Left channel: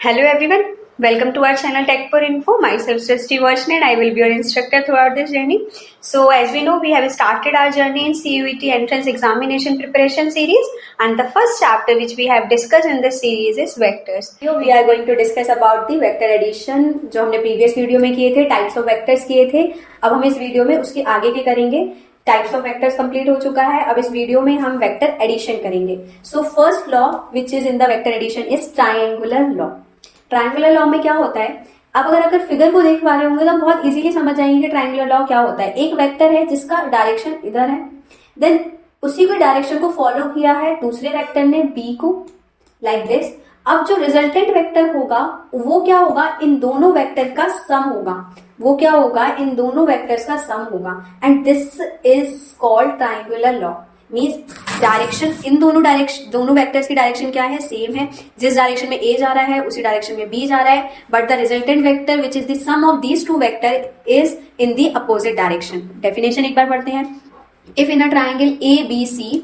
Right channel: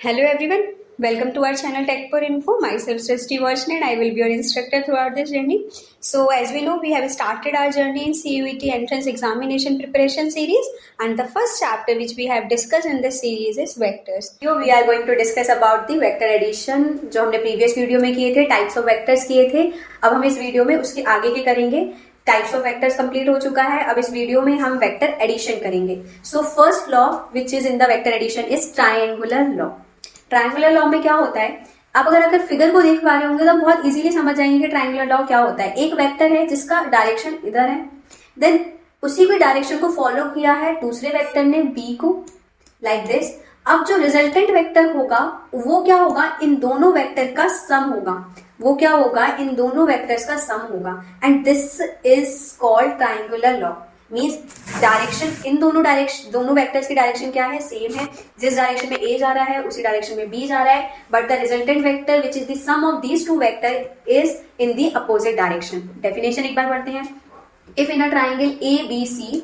Hello everyone, welcome to our channel Tech for Info. Myself Srishti Varshan and I will be your instructor throughout this journey. So as we know, we have started our journey in CUET entrance examination preparation series, and the first chapter which we have discussed in this series is vectors. Here we are going to discuss about the vector addition जो हमने previous video में किए थे, types of vectors किए थे. अब हम इस वीडियो में उसके आगे के करेंगे. टाइप्स ऑफ वेक्टर्स कंप्लीट हो चुका है. अब इस वीडियो में हम वेक्टर एडिशन करेंगे. So first law which is in the vector addition is triangular law. Triangular law में क्या होता है, आप अगर फिगर को देख पा रहे होंगे तो बहुत इजीली समझ जाएंगे कि ट्राइंगुलर लॉ क्या होता है. एक वेक्टर है जिसका डायरेक्शन इधर है, देन उसी की डायरेक्शन को फॉलो किया है दूसरे वेक्टर ने बी को, लाइक दिस. अब जो रिजल्टेंट वेक्टर होगा वो क्या होगा, इन दोनों वेक्टर का सम होगा. वो क्या होगा, इन दोनों वेक्टर्स का सम होगा. And this is called triangular law. Means direction, इन दोनों वेक्टर्स की डायरेक्शन क्या है, सेम है. जिस डायरेक्शन में ए जा रहा है उसी डायरेक्शन में बी जा रहा है, but the resultant vector which is the sum of these two vector is in the opposite direction. Definition एक बार पढ़ते हैं. If in a triangle A B C,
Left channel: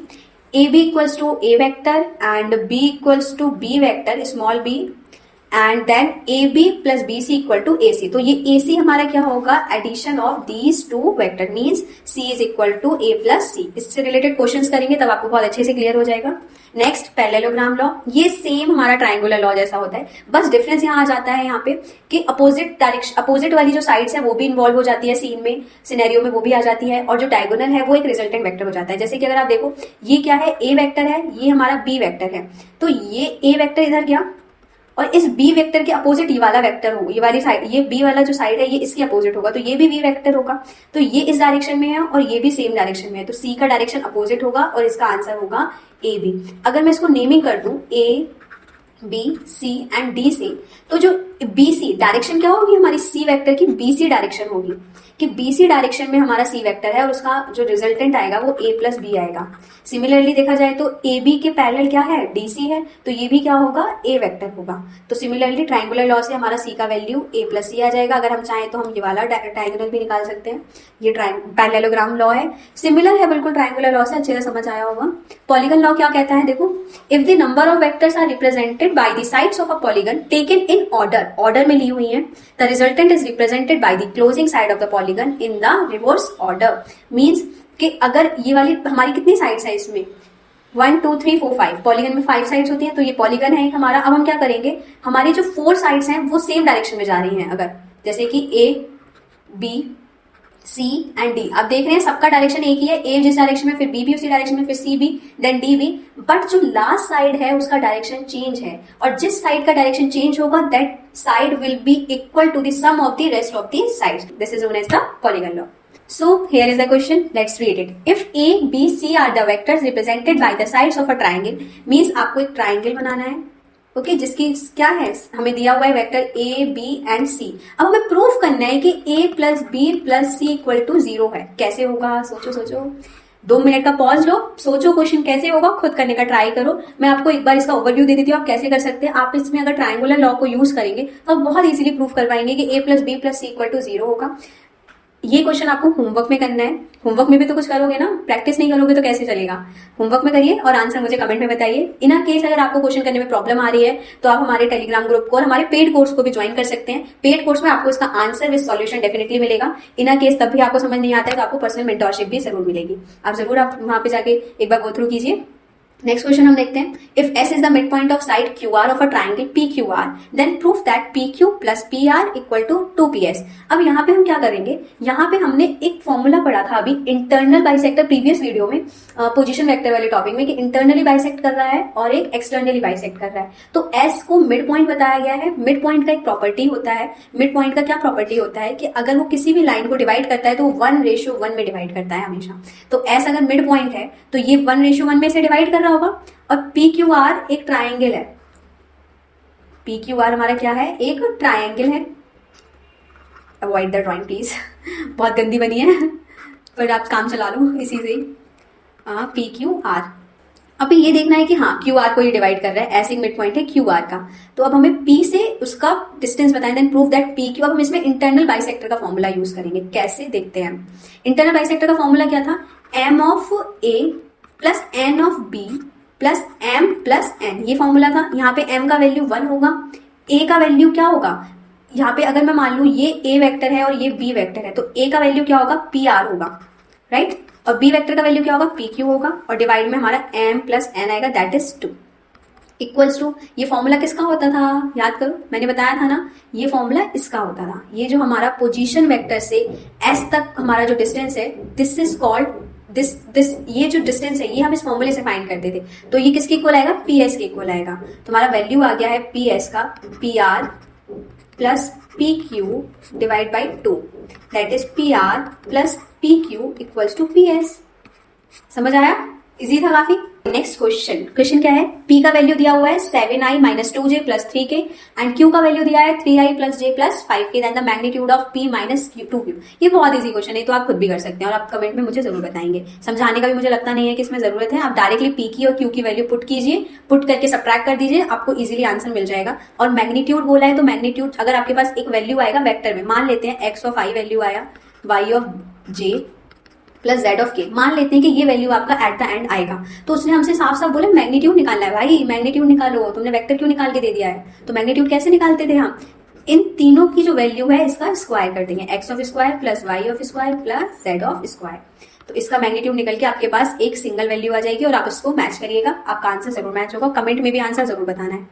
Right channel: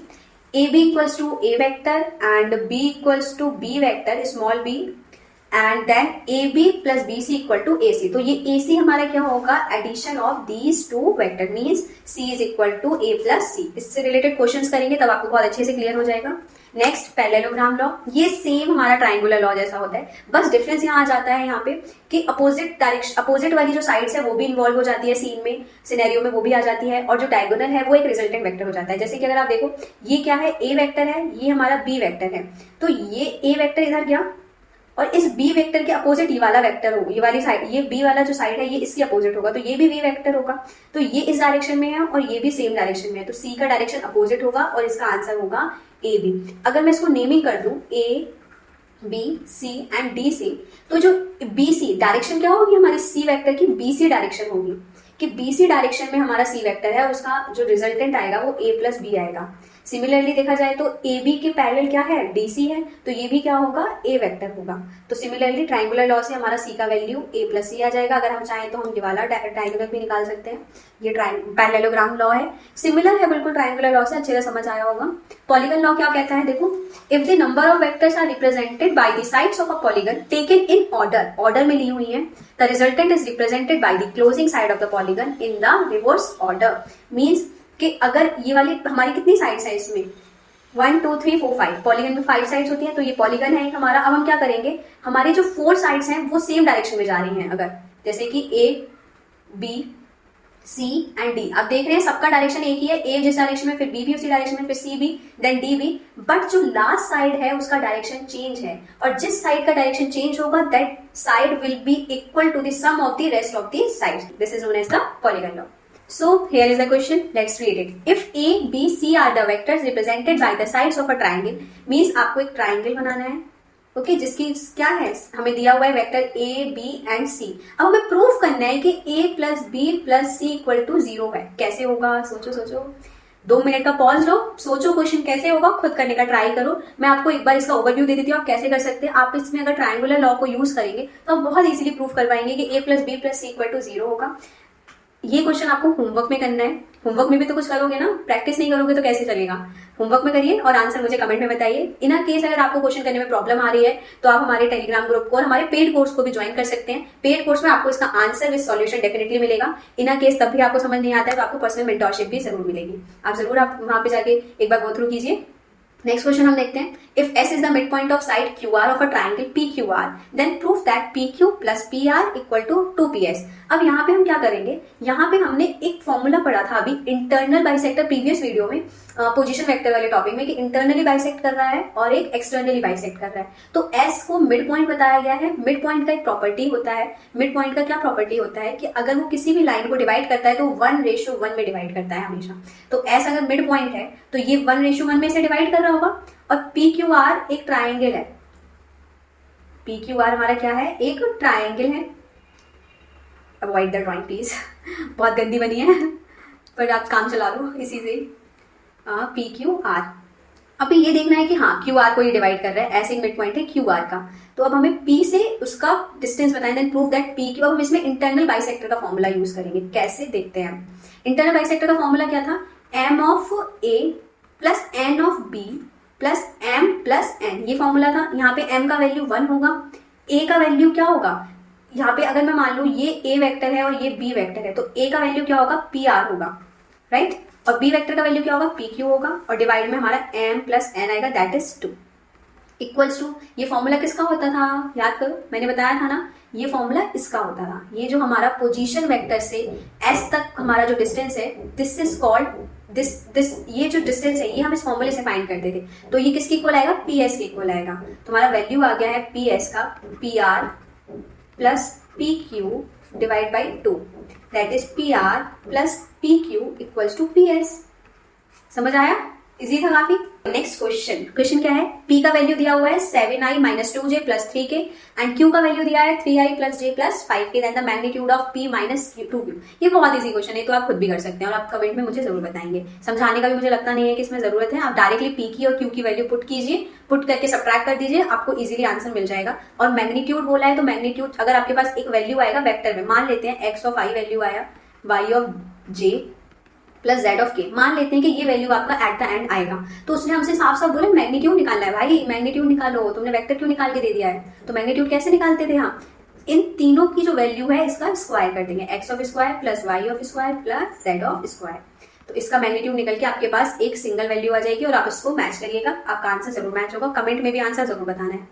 AB equals to A vector and B equals to B vector, small b, and then AB plus BC equal to AC. तो ये AC हमारा क्या होगा, addition of these two vector, means C is equal to A plus C. इससे related questions करेंगे तब आपको बहुत अच्छे से क्लियर हो जाएगा. Next parallelogram law. ये सेम हमारा ट्राइंगुलर लॉ जैसा होता है, बस डिफरेंस यहाँ आ जाता है यहाँ पे कि अपोजिट वाली जो साइड्स है वो भी इन्वॉल्व हो जाती है सीन में, सिनेरियो में वो भी आ जाती है, और जो डायगोनल है वो एक रिजल्टेंट वेक्टर हो जाता है. जैसे कि अगर आप देखो ये क्या है, ए वेक्टर है, ये हमारा बी वेक्टर है, तो ये ए वेक्टर इधर गया और इस बी वेक्टर के अपोजिट ये वाला वेक्टर होगा, ये वाली साइड, ये बी वाला जो साइड है ये इसकी अपोजिट होगा, तो ये भी बी वेक्टर होगा. तो ये इस डायरेक्शन में है और ये भी सेम डायरेक्शन में है, तो सी का डायरेक्शन अपोजिट होगा और इसका आंसर होगा ए बी. अगर मैं इसको नेमिंग कर दूं A B C and D C, तो जो बी सी डायरेक्शन क्या होगी हमारी सी वेक्टर की, बी सी डायरेक्शन होगी कि बी सी डायरेक्शन में हमारा सी वेक्टर है और उसका जो रिजल्टेंट आएगा वो ए प्लस बी आएगा. सिमिलरली देखा जाए तो ए बी के पैरेलल क्या है, डी सी है, तो ये भी क्या होगा, ए वेक्टर होगा. तो सिमिलरली ट्राइंगुलर लॉ से हमारा सी का वैल्यू ए प्लस सी आ जाएगा. अगर हम चाहें तो हम ये वाला डायगोनल भी निकाल सकते हैं. ये पैरेललोग्राम लॉ है, सिमिलर है बिल्कुल ट्राइंगुलर लॉ से, अच्छे से समझ आया होगा. पॉलीगन लॉ क्या कहता है, देखो, if the number of vectors are represented by the sides of a polygon taken in order में ली हुई है, the resultant is represented by the closing side of the polygon in the reverse order. Means कि अगर ये वाली हमारी कितनी साइड्स है इसमें, 1 2 3 4 5, पॉलीगन में 5 साइड्स होती हैं, तो ये पॉलीगन है एक हमारा. अब हम क्या करेंगे, हमारे जो 4 साइड्स हैं वो सेम डायरेक्शन में जा रही हैं, अगर जैसे कि A B C and D. आप देख रहे हैं सबका डायरेक्शन एक ही है, ए जिस डायरेक्शन में, फिर बी भी उसी डायरेक्शन में, फिर सी भी, देन डी भी, बट जो लास्ट साइड है उसका डायरेक्शन चेंज है, और जिस साइड का डायरेक्शन चेंज होगा that side will be equal to the sum of the rest of the sides. This is known as the polygon law. So here is the question. Let's read it. If A, B, C are the vectors represented by the sides of a triangle, means आपको एक triangle बनाना है, okay, जिसकी क्या है, हमें दिया हुआ है vector A, B and C. अब हमें प्रूफ करना है कि A plus B plus C equal to 0 है. कैसे होगा, सोचो 2 मिनट का पॉज लो, सोचो क्वेश्चन कैसे होगा, खुद करने का ट्राई करो. मैं आपको एक बार इसका ओवरव्यू दे देती हूँ, आप कैसे कर सकते हैं. आप इसमें अगर ट्राइंगुलर लॉ को यूज करेंगे तो आप बहुत इजीली प्रूफ कर पाएंगे कि A plus B plus C equal to 0 होगा. ये क्वेश्चन आपको होमवर्क में करना है. होमवर्क में भी तो कुछ करोगे ना, प्रैक्टिस नहीं करोगे तो कैसे चलेगा. होमवर्क में करिए और आंसर मुझे कमेंट में बताइए. इन केस अगर आपको क्वेश्चन करने में प्रॉब्लम आ रही है तो आप हमारे टेलीग्राम ग्रुप को और हमारे पेड कोर्स को भी ज्वाइन कर सकते हैं. पेड कोर्स में आपको इसका आंसर विद सॉल्यूशन डेफिनेटली मिलेगा. इन केस तब भी आपको समझ नहीं आता है तो आपको पर्सनल मेंटरशिप भी जरूर मिलेगी. आप जरूर आप वहां पे जाके एक बार गो थ्रू कीजिए. नेक्स्ट क्वेश्चन हम देखते हैं. If S is the midpoint of side QR of a triangle PQR, then proof that PQ plus PR equal to 2PS. अब यहाँ पे हम क्या करेंगे, यहाँ पे हमने एक फॉर्मूला पढ़ा था अभी इंटरनल बाइसेक्टर प्रीवियस वीडियो में, पोजीशन वेक्टर वाले टॉपिक में, कि इंटरनली बाइसेक्ट कर रहा है और एक एक्सटर्नली बाइसेक्ट कर रहा है. तो S को मिड पॉइंट बताया गया है. मिड पॉइंट का एक प्रॉपर्टी होता है. मिड पॉइंट का क्या प्रॉपर्टी होता है कि अगर वो किसी भी लाइन को डिवाइड करता है तो 1:1 में डिवाइड करता है हमेशा. तो S अगर मिड पॉइंट है तो ये 1:1 में से डिवाइड कर रहा होगा. और PQR एक ट्राइंगल है. PQR हमारा क्या है, एक ट्राइंगल है. अवॉइड द ड्राइंग प्लीज, बहुत गंदी बनी है, पर आप काम चला लो इसी से. PQR. अभी ये देखना है कि हाँ QR को ये डिवाइड कर रहा है, ऐसे मिड पॉइंट है QR का. तो अब हमें P से उसका डिस्टेंस बताएं, देन प्रूव दैट PQ. अब हम इसमें इंटरनल बाइसेक्टर का फॉर्मूला यूज करेंगे. कैसे देखते हैं. इंटरनल बाइसेक्टर का फॉर्मूला क्या था, M of A plus N of B plus M plus N. ये फॉर्मूला था. यहाँ पे M का वैल्यू 1 होगा, ए का वैल्यू क्या होगा, यहाँ पे अगर मैं मान लूँ ये ए वेक्टर है और ये बी वेक्टर है, तो ए का वैल्यू क्या होगा, पी आर होगा, राइट, और बी वेक्टर का वैल्यू क्या होगा, पी क्यू होगा, और डिवाइड में हमारा एम प्लस एन आएगा, दैट इज 2 इक्वल्स टू, ये फॉर्मूला किसका होता था, याद करो मैंने बताया था ना, ये फॉर्मूला इसका होता था, ये जो हमारा पोजीशन वेक्टर से एस तक हमारा जो डिस्टेंस है, दिस इज कॉल्ड दिस ये जो डिस्टेंस है ये हम इस फॉर्मूले से फाइंड करते थे, तो ये किसके इक्वल आएगा, पी एस के इक्वल आएगा। तो हमारा वैल्यू आ गया है पी एस का P R plus P Q divide by 2, that is P R plus P Q equals to P S. समझ आया, इजी था काफी। नेक्स्ट क्वेश्चन क्या है, P का वैल्यू दिया हुआ है 7i minus 2j plus 3k and Q का वैल्यू दिया है 3i plus j plus 5k, then the magnitude of P minus 2Q। ये बहुत इजी क्वेश्चन है, तो आप खुद भी कर सकते हैं और आप कमेंट में मुझे जरूर बताएंगे। समझाने का भी मुझे लगता नहीं है कि इसमें जरूरत है, आप डायरेक्टली P की और Q की वैल्यू पुट कीजिए, पुट करके सब्ट्रैक्ट कर दीजिए, आपको इजीली आंसर मिल जाएगा। और मैग्नीट्यूड बोला है तो मैग्नीट्यूड अगर आपके पास एक वैल्यू आएगा वेक्टर में, मान लेते हैं x ऑफ i वैल्यू आया, y of j plus z of के, मान लेते हैं कि ये वैल्यू आपका एट द एंड आएगा, तो उसने हमसे साफ साफ बोले मैग्नीट्यूड निकालना है, भाई मैग्नीट्यूड निकालो, तुमने वेक्टर क्यों निकाल के दे दिया है, तो मैग्नीट्यूड कैसे निकालते थे हम, इन तीनों की जो वैल्यू है इसका स्क्वायर कर देंगे, x of square plus y of square plus z of square, तो इसका मैग्नीट्यूड निकल के आपके पास एक सिंगल वैल्यू आ जाएगी और आप इसको मैच करिएगा, आपका आंसर जरूर मैच होगा। कमेंट में भी आंसर जरूर बताना है,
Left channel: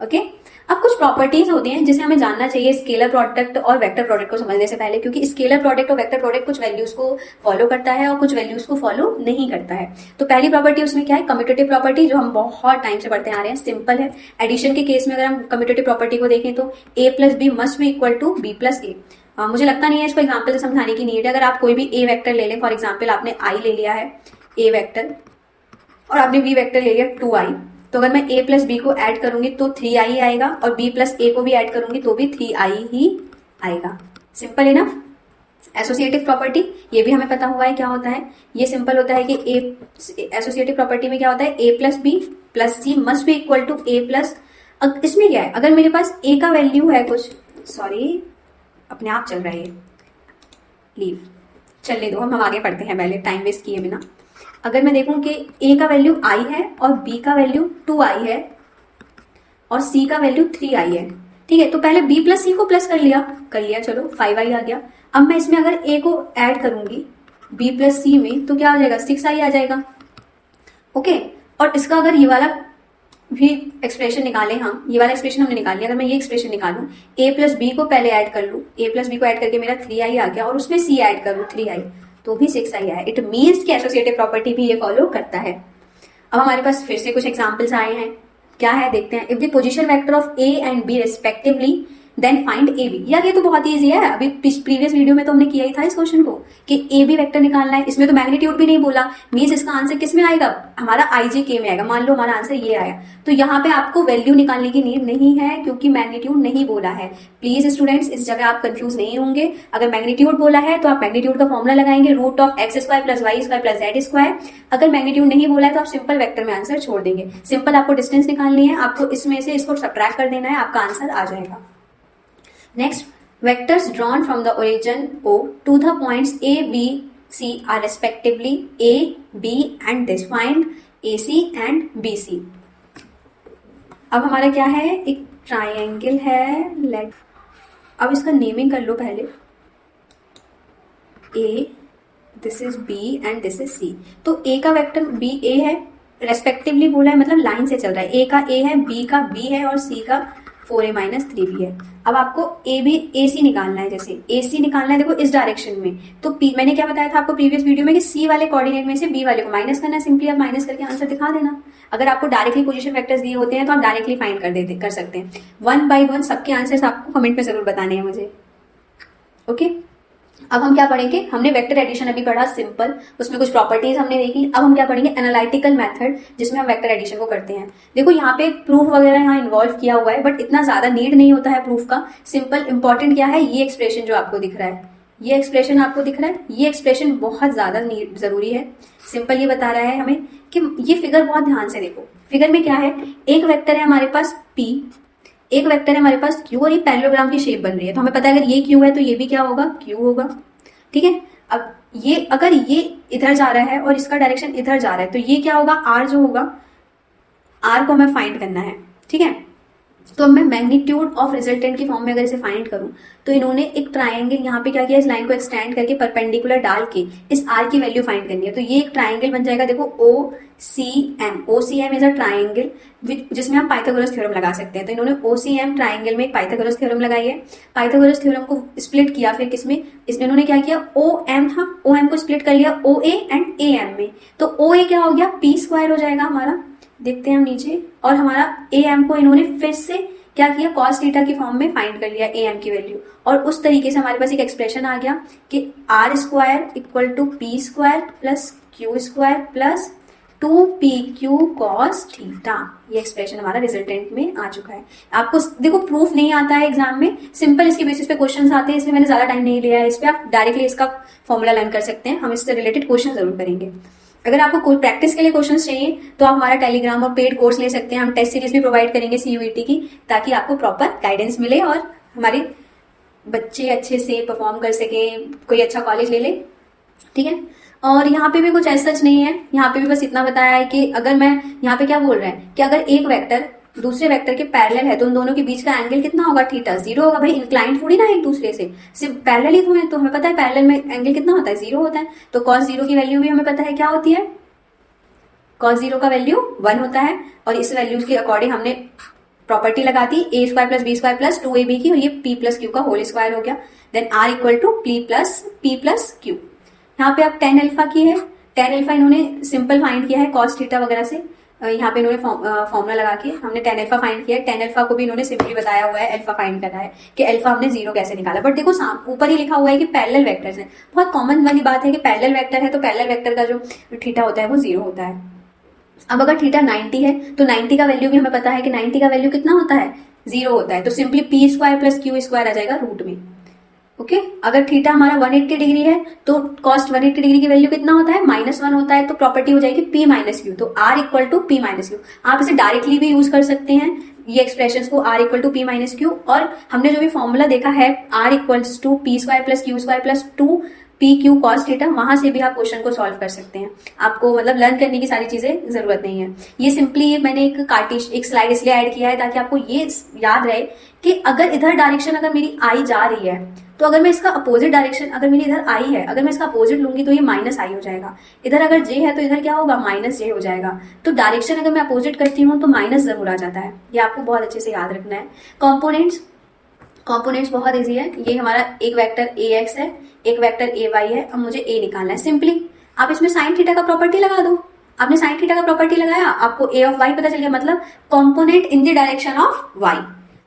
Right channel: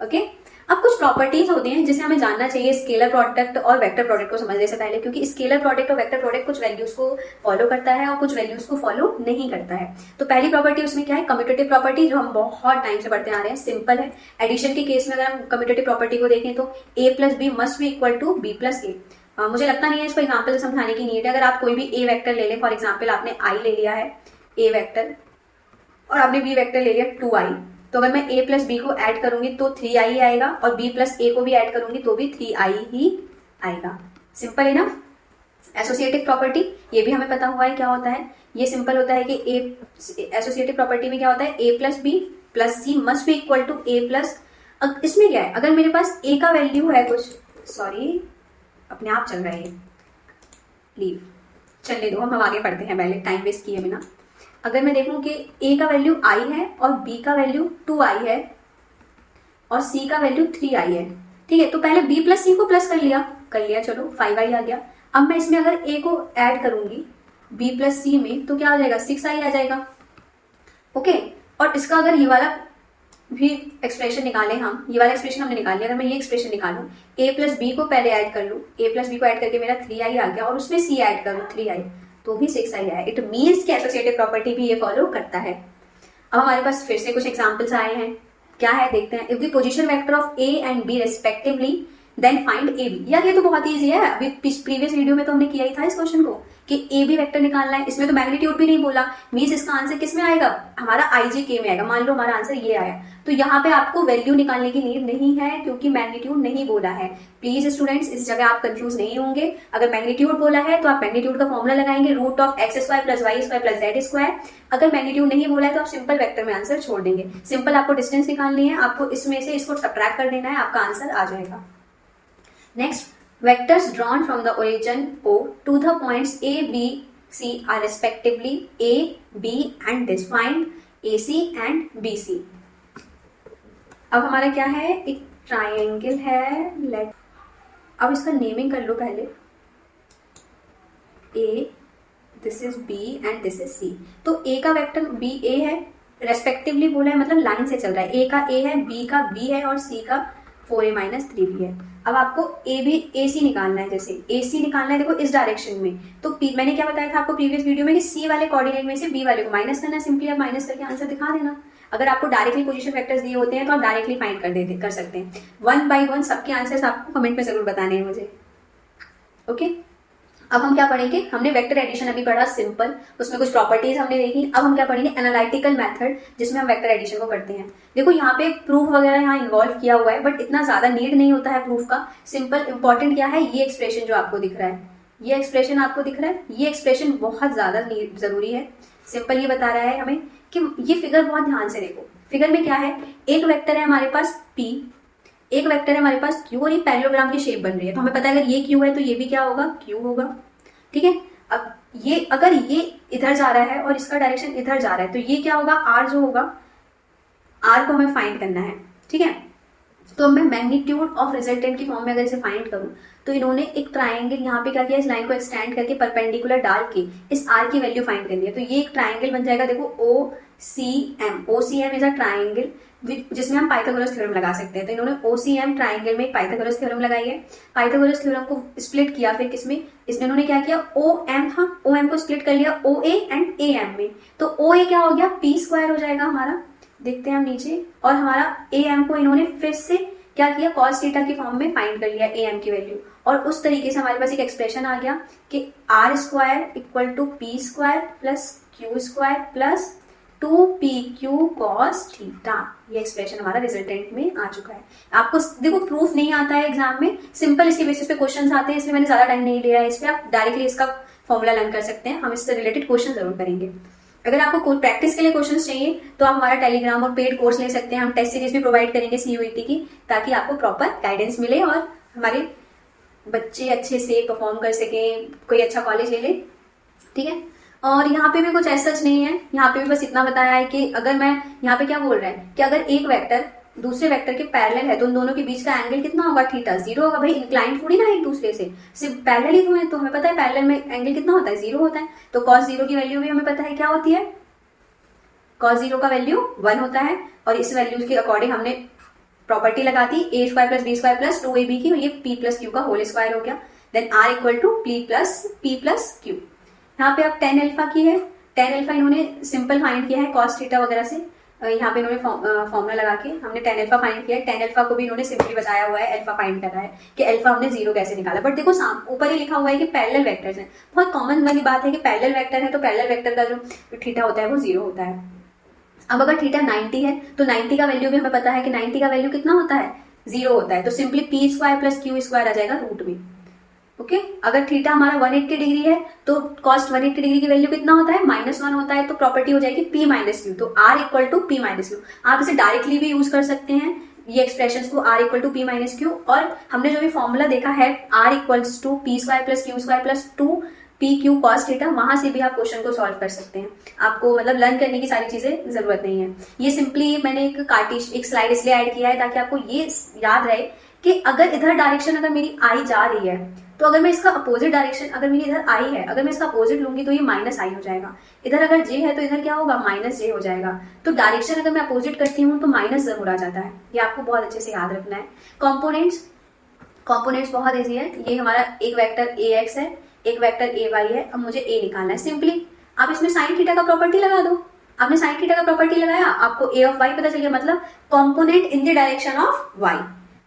ओके। अब कुछ प्रॉपर्टीज होती हैं जिसे हमें जानना चाहिए स्केलर प्रोडक्ट और वेक्टर प्रोडक्ट को समझने से पहले, क्योंकि स्केलर प्रोडक्ट और वेक्टर प्रोडक्ट कुछ वैल्यूज को फॉलो करता है और कुछ वैल्यूज को फॉलो नहीं करता है। तो पहली प्रॉपर्टी उसमें क्या है, कम्यूटेटिव प्रॉपर्टी, जो हम बहुत टाइम से पढ़ते आ रहे हैं, सिंपल है। एडिशन के केस में अगर हम कम्यूटेटिव प्रॉपर्टी को देखें तो A plus B must be equal to B plus A. मुझे लगता नहीं है इसको एग्जाम्पल से समझाने की नीड है। अगर आप कोई भी ए वेक्टर ले लें, फॉर एग्जाम्पल आपने आई ले लिया है ए वेक्टर और आपने बी वेक्टर ले लिया 2i, तो अगर मैं a प्लस बी को ऐड करूंगी तो 3i आएगा और b प्लस ए को भी ऐड करूंगी तो भी 3i ही आएगा। Simple enough. एसोसिएटिव प्रॉपर्टी, ये भी हमें पता हुआ है क्या होता है, ये सिंपल होता है कि एसोसिएटिव प्रॉपर्टी में क्या होता है, a plus B plus C must be equal to a plus, इसमें क्या है, अगर मेरे पास a का वैल्यू है कुछ, सॉरी अपने आप चल रहा है ये, लीव चलने दो, हम आगे पढ़ते हैं पहले, टाइम वेस्ट किए बिना। अगर मैं देखूं कि a का वैल्यू i है और b का वैल्यू 2i है और c का वैल्यू 3i है, ठीक है, तो पहले b प्लस सी को प्लस कर लिया, चलो 5i आ गया। अब मैं इसमें अगर a को ऐड करूंगी b प्लस सी में तो क्या आ जाएगा, 6i आ जाएगा, ओके। और इसका अगर ये वाला भी एक्सप्रेशन निकालें हम, ये वाला एक्सप्रेशन हमने निकाल लिया, अगर मैं ये एक्सप्रेशन निकालूं, a प्लस बी को पहले ऐड कर लूँ, a प्लस बी को ऐड करके मेरा 3i आ गया और उसमें c ऐड करूँ 3i तो भी 6i है। इट मीन्स कि एसोसिएटिव प्रॉपर्टी भी ये फॉलो करता है। अब हमारे पास फिर से कुछ एग्जांपल्स आए हैं, क्या है देखते हैं। If the position vector of a and b respectively then find A B. यार ये तो बहुत ईजी है, अभी प्रीवियस वीडियो में तो हमने किया ही था इस क्वेश्चन को कि ए बी वेक्टर निकालना है, इसमें तो मैग्नीट्यूड भी नहीं बोला, मीन्स इसका आंसर किस में आएगा, हमारा आई जे के में आएगा। मान लो हमारा आंसर ये आया, तो यहाँ पे आपको वैल्यू निकालने की नीड नहीं है क्योंकि मैग्नीट्यूड नहीं बोला है। प्लीज स्टूडेंट्स इस जगह आप कंफ्यूज नहीं होंगे। अगर मैग्नीट्यूड बोला है तो आप मैग्नीट्यूड का फॉर्मुला लगाएंगे, root of x square plus y square plus z square. अगर मैग्नीट्यूड नहीं बोला है तो आप सिंपल वेक्टर में आंसर छोड़ देंगे। सिंपल आपको डिस्टेंस निकालनी है, आपको इसमें से इसको सब्ट्रैक्ट कर देना है, आपका आंसर आ जाएगा। Next, vectors drawn from the origin O to the points A, B, C are respectively A, B and this. Find AC and BC. अब हमारा क्या है, एक ट्राइंगल है, लेट अब इसका नेमिंग कर लो पहले, A, this is B and this is C. तो A का वेक्टर B A है, रेस्पेक्टिवली बोला है मतलब लाइन से चल रहा है, A का A है, B का B है और C का 4a माइनस 3b है। अब आपको ए बी ए सी निकालना है, जैसे ए सी निकालना है देखो इस डायरेक्शन में, तो मैंने क्या बताया था आपको प्रीवियस वीडियो में कि सी वाले कोऑर्डिनेट में से बी वाले को माइनस करना है, सिंपली आप माइनस करके आंसर दिखा देना। अगर आपको डायरेक्टली पोजीशन वेक्टर्स दिए होते हैं तो आप डायरेक्टली फाइंड कर सकते हैं। 1 by 1 सबके आंसर्स आपको कमेंट में जरूर बताने हैं मुझे, ओके। अब हम क्या पढ़ेंगे, हमने वेक्टर एडिशन अभी पढ़ा सिंपल, उसमें कुछ प्रॉपर्टीज हमने देखी। अब हम क्या पढ़ेंगे, एनालिटिकल मेथड, जिसमें हम वेक्टर एडिशन को करते हैं। देखो यहाँ पे प्रूफ वगैरह यहाँ इन्वॉल्व किया हुआ है, बट इतना ज्यादा नीड नहीं होता है प्रूफ का। सिंपल इंपॉर्टेंट क्या है, ये एक्सप्रेशन जो आपको दिख रहा है, ये एक्सप्रेशन आपको दिख रहा है, ये एक्सप्रेशन बहुत ज्यादा जरूरी है। सिंपल ये बता रहा है हमें कि ये फिगर बहुत ध्यान से देखो, फिगर में क्या है, एक वेक्टर है हमारे पास P, एक वेक्टर है हमारे पास Q और ये पैरेललोग्राम की शेप बन रही है, तो हमें पता है अगर ये Q है तो ये भी क्या होगा, Q होगा, ठीक है। अब ये अगर ये इधर जा रहा है और इसका डायरेक्शन इधर जा रहा है तो ये क्या होगा, R जो होगा, R को हमें फाइंड करना है, ठीक है। तो अब मैं मैग्नीट्यूड ऑफ रिजल्टेंट की फॉर्म में अगर इसे फाइंड करूं तो इन्होंने एक ट्राइंगल यहाँ पे क्या किया, इस लाइन को एक्सटेंड करके परपेंडिकुलर डाल के इस आर की वैल्यू फाइंड करनी है। तो ये एक ट्राइंगल बन जाएगा, देखो OCM इज अ ट्राइंगल जिसमें हम पाइथागोरस थ्योरम लगा सकते हैं। तो इन्होंने OCM ट्राइंगल में एक पाइथागोरस थ्योरम लगाई है। पाइथागोरस थ्योरम को स्प्लिट किया, फिर किसमें, इसमें इन्होंने क्या किया, OM था, OM को स्प्लिट कर लिया OA एंड AM में। तो OA क्या हो गया, P² हो जाएगा हमारा, देखते हैं हम नीचे। और हमारा AM को इन्होंने फिर से क्या किया, cos थीटा की फॉर्म में फाइंड कर लिया AM की वैल्यू। और उस तरीके से हमारे पास एक एक्सप्रेशन आ गया कि R² equal to P² plus Q² plus 2PQ cos theta. ये एक्सप्रेशन हमारा रिजल्टेंट में आ चुका है। आपको देखो प्रूफ नहीं आता है एग्जाम में, सिंपल इसके बेसिस पे क्वेश्चंस आते हैं, इसमें मैंने ज्यादा टाइम नहीं लिया है, इस पे आप डायरेक्टली इसका फॉर्मूला लर्न कर सकते हैं। हम इससे रिलेटेड क्वेश्चन जरूर करेंगे। अगर आपको कोई प्रैक्टिस के लिए क्वेश्चंस चाहिए तो आप हमारा टेलीग्राम और पेड कोर्स ले सकते हैं। हम टेस्ट सीरीज भी प्रोवाइड करेंगे CUET की, ताकि आपको प्रॉपर गाइडेंस मिले और हमारे बच्चे अच्छे से परफॉर्म कर सके, कोई अच्छा कॉलेज ले ले, ठीक है। और यहाँ पे भी कुछ ऐसा सच नहीं है, यहाँ पे भी बस इतना बताया है कि अगर मैं यहाँ पे क्या बोल रहा है कि अगर एक वेक्टर दूसरे वेक्टर के पैरेलल है तो उन दोनों के बीच का एंगल कितना होगा, थीटा, 0 होगा। भाई इंक्लाइन थोड़ी ना एक दूसरे से, सिर्फ पैरेलल ही तो है, तो हमें पता है पैरेलल में एंगल कितना होता है, 0 होता है। तो cos 0 की वैल्यू भी हमें पता है क्या होती है, cos 0 का वैल्यू 1 होता है। और इस वैल्यू के अकॉर्डिंग हमने प्रॉपर्टी लगाती A² plus B² plus 2AB की, और ये P प्लस Q का होल स्क्वायर हो गया। Then R equal to P plus Q। यहाँ पे आप tan अल्फा की है, tan अल्फा इन्होंने सिंपल फाइंड किया है cos थीटा वगैरह से। यहाँ पे इन्होंने फॉर्मूला लगा के हमने tan अल्फा फाइंड किया है। tan अल्फा को भी इन्होंने सिंपली बताया हुआ है, अल्फा फाइंड करना है कि अल्फा हमने 0 कैसे निकाला। बट देखो ऊपर ही लिखा हुआ है कि पैरेलल वेक्टर्स हैं। बहुत कॉमन वाली बात है कि पैरेलल वेक्टर है तो पैरेलल वेक्टर का जो थीटा होता है वो 0 होता है। अब अगर थीटा 90 है तो 90 का वैल्यू भी हमें पता है कि 90 का वैल्यू कितना होता है, 0 होता है। तो सिंपली P² प्लस Q² आ जाएगा रूट में। ओके अगर थीटा हमारा 180 डिग्री है तो cos 180 डिग्री की वैल्यू कितना होता है, -1 होता है। तो प्रॉपर्टी हो जाएगी P माइनस Q। तो R equal to P minus Q। आप इसे डायरेक्टली भी यूज कर सकते हैं ये एक्सप्रेशंस को, R equal to P minus Q। और हमने जो भी फॉर्मूला देखा है R equals to P² plus Q² plus 2PQ cos theta, वहां से भी आप क्वेश्चन को सॉल्व कर सकते हैं। आपको मतलब लर्न करने की सारी चीजें जरूरत नहीं है। ये सिंपली मैंने एक स्लाइड इसलिए ऐड किया है ताकि आपको ये याद रहे कि अगर इधर डायरेक्शन अगर मेरी आई जा रही है तो अगर मैं इसका अपोजिट डायरेक्शन, अगर मेरी इधर आई है, अगर मैं इसका अपोजिट लूंगी तो ये -i हो जाएगा। इधर अगर j है तो इधर क्या होगा, -j हो जाएगा। तो डायरेक्शन अगर मैं अपोजिट करती हूँ तो माइनस जरूर आ जाता है। ये आपको बहुत अच्छे से याद रखना है। कॉम्पोनेंट्स बहुत ईजी है। ये हमारा एक वेक्टर ax है, एक वेक्टर ay है। अब मुझे a निकालना है। सिंपली आप इसमें साइन थीटा का प्रॉपर्टी लगा दो। आपने साइन थीटा का प्रॉपर्टी लगाया, आपको a ऑफ y पता चल गया, मतलब component in the direction of y।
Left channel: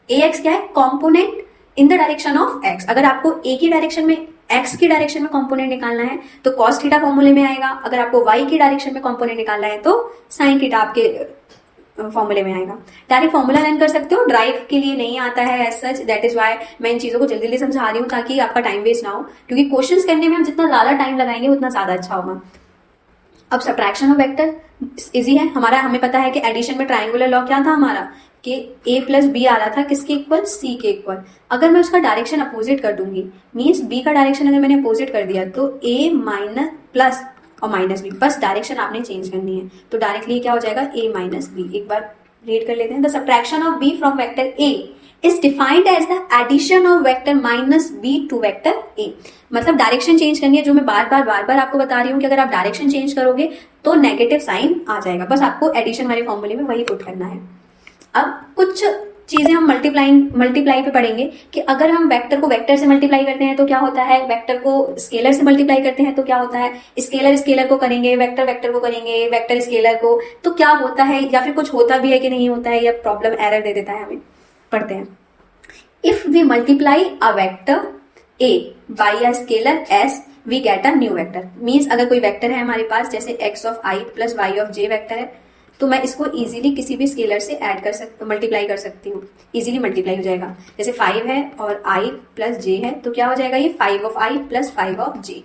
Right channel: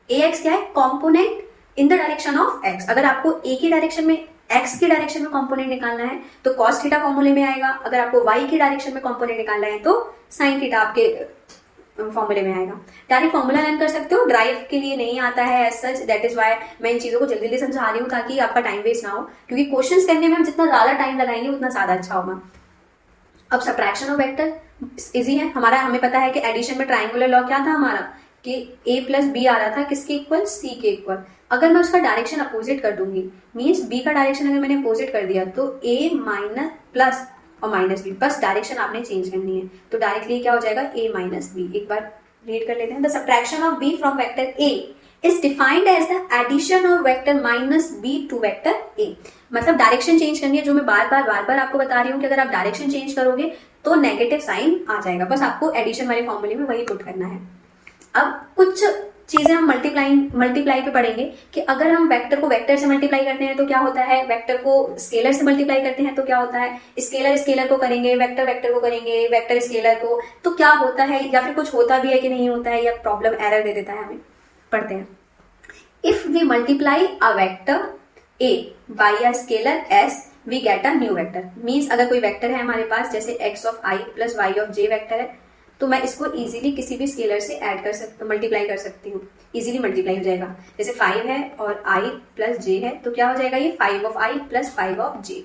ax क्या है, component in the direction of x। अगर आपको a की डायरेक्शन में, x की डायरेक्शन में कॉम्पोनेंट निकालना है तो cos थीटा फॉर्मूले में आएगा। अगर आपको y की डायरेक्शन में कॉम्पोनेंट निकालना है तो साइन थीटा आपके फॉर्मूले में आएगा। डायरेक्ट फॉर्मूला लर्न कर सकते हो, ड्राइव के लिए नहीं आता है as such. That is why मैं इन चीजों को जल्दी जल्दी समझा रही हूँ ताकि आपका टाइम वेस्ट ना हो, क्योंकि क्वेश्चंस करने में हम जितना ज्यादा टाइम लगाएंगे उतना ज्यादा अच्छा होगा। अब सब्ट्रैक्शन ऑफ वेक्टर इजी है हमारा। हमें पता है कि एडिशन में ट्राइंगुलर लॉ क्या था हमारा, कि a प्लस बी आ रहा था किसके इक्वल, c के इक्वल। अगर मैं उसका डायरेक्शन अपोजिट कर दूंगी, मीन्स b का डायरेक्शन अगर मैंने अपोजिट कर दिया तो a माइनस प्लस और माइनस बी, बस डायरेक्शन आपने चेंज करनी है। तो डायरेक्टली क्या हो जाएगा, a माइनस बी। एक बार रीड कर लेते हैं। The subtraction of b from vector a is defined as the addition of vector minus b to vector a। मतलब डायरेक्शन चेंज करनी है, जो मैं बार बार आपको बता रही हूँ कि अगर आप डायरेक्शन चेंज करोगे तो नेगेटिव साइन आ जाएगा। बस आपको एडिशन वाले फॉर्मूले में वही पुट करना है। अब कुछ चीजें हम मल्टीप्लाई पे पढ़ेंगे कि अगर हम वेक्टर को वेक्टर से मल्टीप्लाई करते हैं तो क्या होता है, वेक्टर को स्केलर से मल्टीप्लाई करते हैं तो क्या होता है, स्केलर को करेंगे, वेक्टर को करेंगे, वेक्टर स्केलर को, तो क्या होता है, या फिर कुछ होता भी है कि नहीं होता है, या प्रॉब्लम एरर दे देता है हमें। पढ़ते हैं। If we multiply a vector a by a scalar s we get a new vector. Means अगर कोई वेक्टर है हमारे पास, जैसे x of i plus y of j vector है, तो मैं इसको इजीली किसी भी स्केलर से मल्टीप्लाई कर सकती हूँ। इजीली मल्टीप्लाई हो जाएगा। जैसे 5 है और i प्लस j है तो क्या हो जाएगा, ये 5 of i plus 5 of j।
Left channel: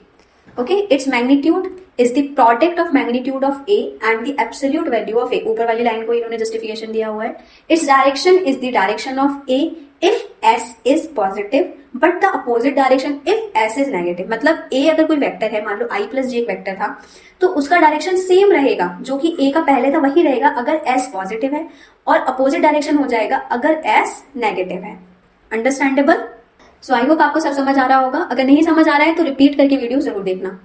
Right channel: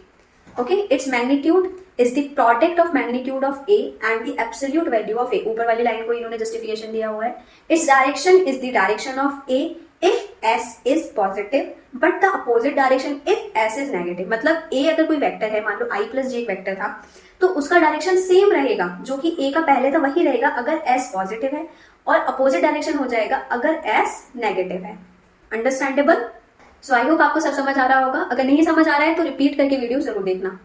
Okay, its magnitude is the product of magnitude of a and the absolute value of a। ऊपर वाली लाइन को इन्होंने जस्टिफिकेशन दिया हुआ है। Its direction is the direction of a if S is positive but the opposite direction if S is negative. मतलब ए अगर कोई वेक्टर है, मान लो आई प्लस जे एक वेक्टर था, तो उसका डायरेक्शन सेम रहेगा, जो कि ए का पहले था वही रहेगा अगर एस पॉजिटिव है, और अपोजिट डायरेक्शन हो जाएगा अगर एस नेगेटिव है। अंडरस्टैंडेबल? सो आई होप आपको सब समझ आ रहा होगा। अगर नहीं समझ आ रहा है तो रिपीट करके वीडियो जरूर देखना।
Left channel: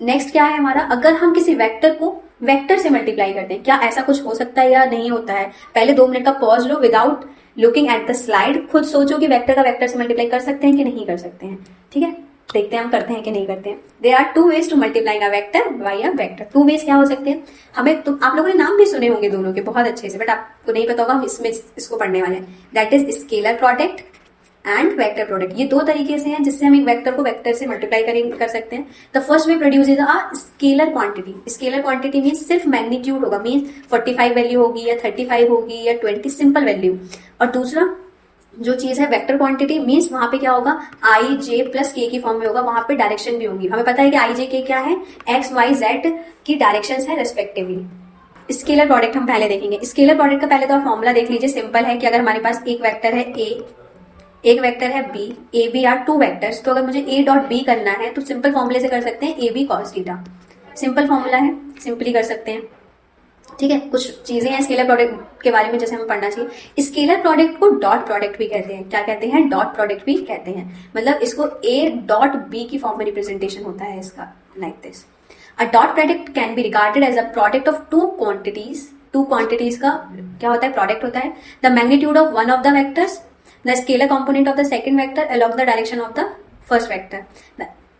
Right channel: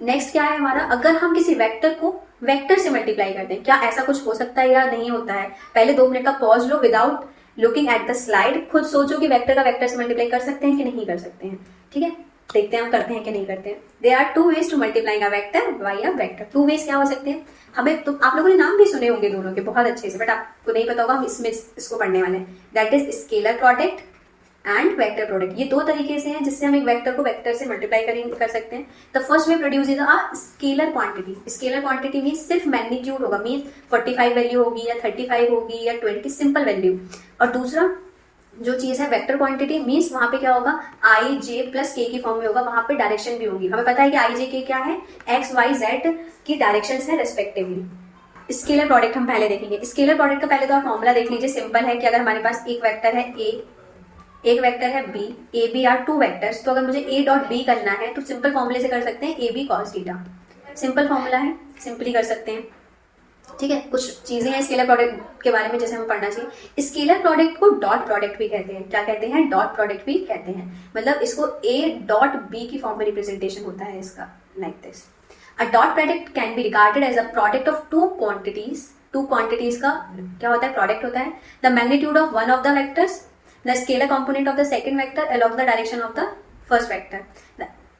नेक्स्ट क्या है हमारा, अगर हम किसी वेक्टर को वेक्टर से मल्टीप्लाई करते हैं, क्या ऐसा कुछ हो सकता है या नहीं होता है? पहले 2 मिनट का pause low without looking at the slide, खुद सोचो कि वेक्टर का वेक्टर से मल्टीप्लाई कर सकते हैं कि नहीं कर सकते हैं। ठीक है, देखते हैं हम करते हैं कि नहीं करते हैं। There are 2 ways to multiplying a vector by a vector. 2 ways क्या हो सकते हैं? हमें तो आप लोगों ने नाम भी सुने होंगे दोनों के बहुत अच्छे से, बट आपको नहीं पता होगा, हम इसमें इसको पढ़ने वाले हैं। That is scalar product and vector product. ये 2 तरीके से हैं जिससे हम एक वेक्टर को वेक्टर से मल्टीप्लाई कर सकते हैं। The first way produces a scalar quantity. Scalar quantity means सिर्फ मैग्नीट्यूड होगा, मीन्स 45 वैल्यू होगी या 35 होगी या 20 सिंपल वैल्यू। और दूसरा जो चीज है वेक्टर क्वांटिटी मीन्स वहां पे क्या होगा, आई जे प्लस के की फॉर्म में होगा, वहां पे डायरेक्शन भी होगी। हमें पता है कि आई जे के क्या है, एक्स वाई जेड की डायरेक्शन है रेस्पेक्टिवली। स्केलर प्रोडक्ट हम पहले देखेंगे। स्केलर प्रोडक्ट का पहले तो आप फॉर्मूला देख लीजिए, सिंपल है कि अगर हमारे पास एक वेक्टर है ए, एक वेक्टर है B, A B are 2 vectors, तो अगर मुझे ए डॉट बी करना है तो सिंपल फॉर्मूले से कर सकते हैं, A B cos theta. Simple formula है, सिंपली कर सकते हैं। ठीक है, कुछ चीजें हैं स्केलर प्रोडक्ट के बारे में जैसे हमें पढ़ना चाहिए। Scalar product co dot product भी कहते हैं। क्या कहते हैं? डॉट प्रोडक्ट भी कहते हैं। मतलब इसको ए डॉट बी की फॉर्म में रिप्रेजेंटेशन होता है इसका, like this. A dot product can be regarded as a product of 2 quantities. 2 quantities का क्या होता है? प्रोडक्ट होता है। The magnitude of one of the vectors, the scalar component of the second vector along the direction of the first vector.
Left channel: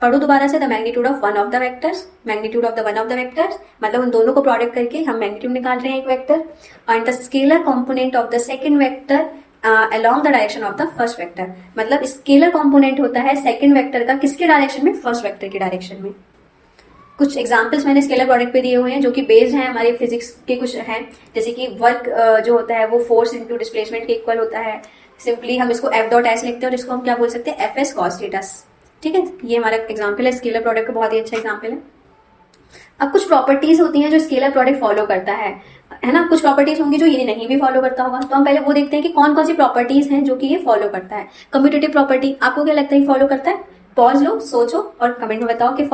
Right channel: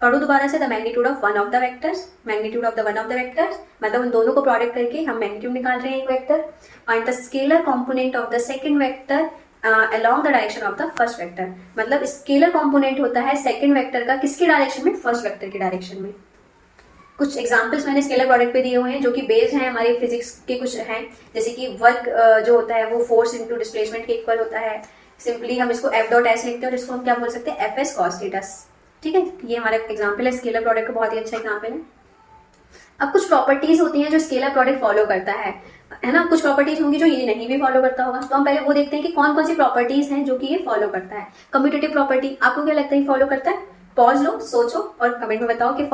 पढ़ो दोबारा से, the magnitude of one of the vectors, magnitude of the one of the vectors, मतलब उन दोनों को product करके हम magnitude निकाल रहे हैं एक vector. And the scalar component of the second vector along the direction of the first vector. मतलब स्केलर कंपोनेंट होता है सेकंड वेक्टर का किसके डायरेक्शन में? फर्स्ट वेक्टर के डायरेक्शन में। कुछ एग्जाम्पल्स मैंने स्केलर प्रोडक्ट पे दिए हुए हैं जो कि बेस्ड हैं हमारे फिजिक्स के, कुछ हैं जैसे कि वर्क जो होता है वो फोर्स इंटू डिस्प्लेसमेंट के इक्वल होता है। सिंपली हम इसको एफ डॉट एस लिखते हैं और इसको हम क्या बोल सकते हैं? F S cos theta. ठीक है, ये हमारा एग्जाम्पल है स्केलर प्रोडक्ट का, बहुत ही अच्छा एग्जाम्पल है। अब कुछ प्रॉपर्टीज होती हैं जो स्केलर प्रोडक्ट फॉलो करता है ना। कुछ प्रॉपर्टीज होंगी जो ये नहीं भी फॉलो करता होगा, तो हम पहले वो देखते हैं कि कौन कौन सी प्रॉपर्टीज हैं जो कि ये फॉलो करता है। कम्यूटेटिव प्रॉपर्टी, आपको क्या लगता है फॉलो करता है? पॉज लो, सोचो और कमेंट में बताओ कि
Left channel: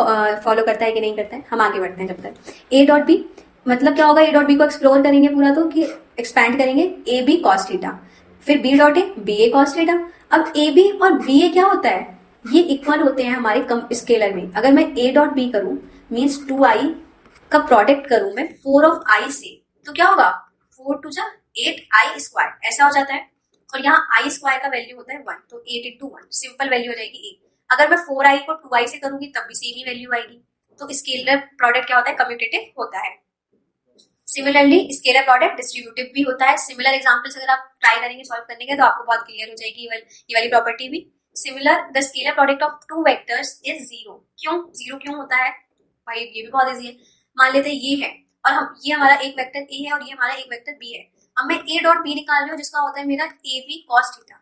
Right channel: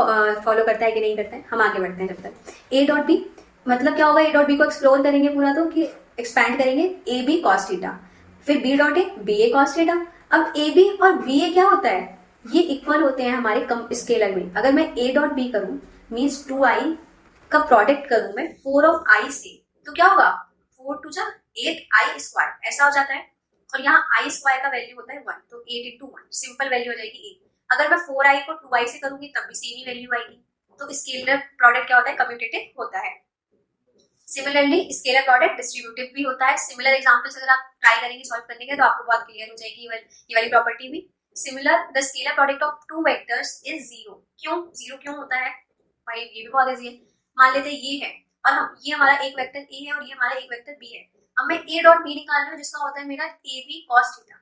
फॉलो करता है कि नहीं करता है। हम आगे बढ़ते हैं जब तक। ए डॉट बी, मतलब क्या होगा? ए डॉट बी को एक्सप्लोर करेंगे पूरा, तो कि एक्सपैंड करेंगे। ए बी कॉस थीटा, फिर B dot A, B A cos theta. अब ए बी और बी ए क्या होता है? ये इक्वल होते हैं हमारे स्केलर में। अगर मैं ए डॉट बी करूं मीन्स 2i का प्रोडक्ट करूं मैं 4 ऑफ i से, तो क्या होगा? 4 टू जा 8i स्क्वायर, ऐसा हो जाता है। और यहाँ i स्क्वायर का वैल्यू होता है 1, तो 8 इंटू 1 सिंपल वैल्यू हो जाएगी 8। अगर मैं 4i को 2i से करूंगी तब भी सेम ही वैल्यू आएगी। तो स्केलर प्रोडक्ट क्या होता है? कम्यूटेटिव होता है। सिमिलरली स्केलर प्रोडक्ट डिस्ट्रीब्यूटिव भी होता है। सिमिलर एग्जांपल्स अगर आप ट्राई करेंगे सॉल्व करने के तो आपको बहुत क्लियर हो जाएगी ये वाली प्रॉपर्टी भी। Similar, the scalar product of 2 vectors is 0। क्यों 0 क्यों होता है भाई? ये भी बहुत इजी है। मान लेते हैं ये है और हम, ये हमारा एक वेक्टर ए है और ये हमारा एक वेक्टर बी है। अब मैं ए डॉट बी निकाल रही हूँ जिसका होता है मेरा A B cos theta,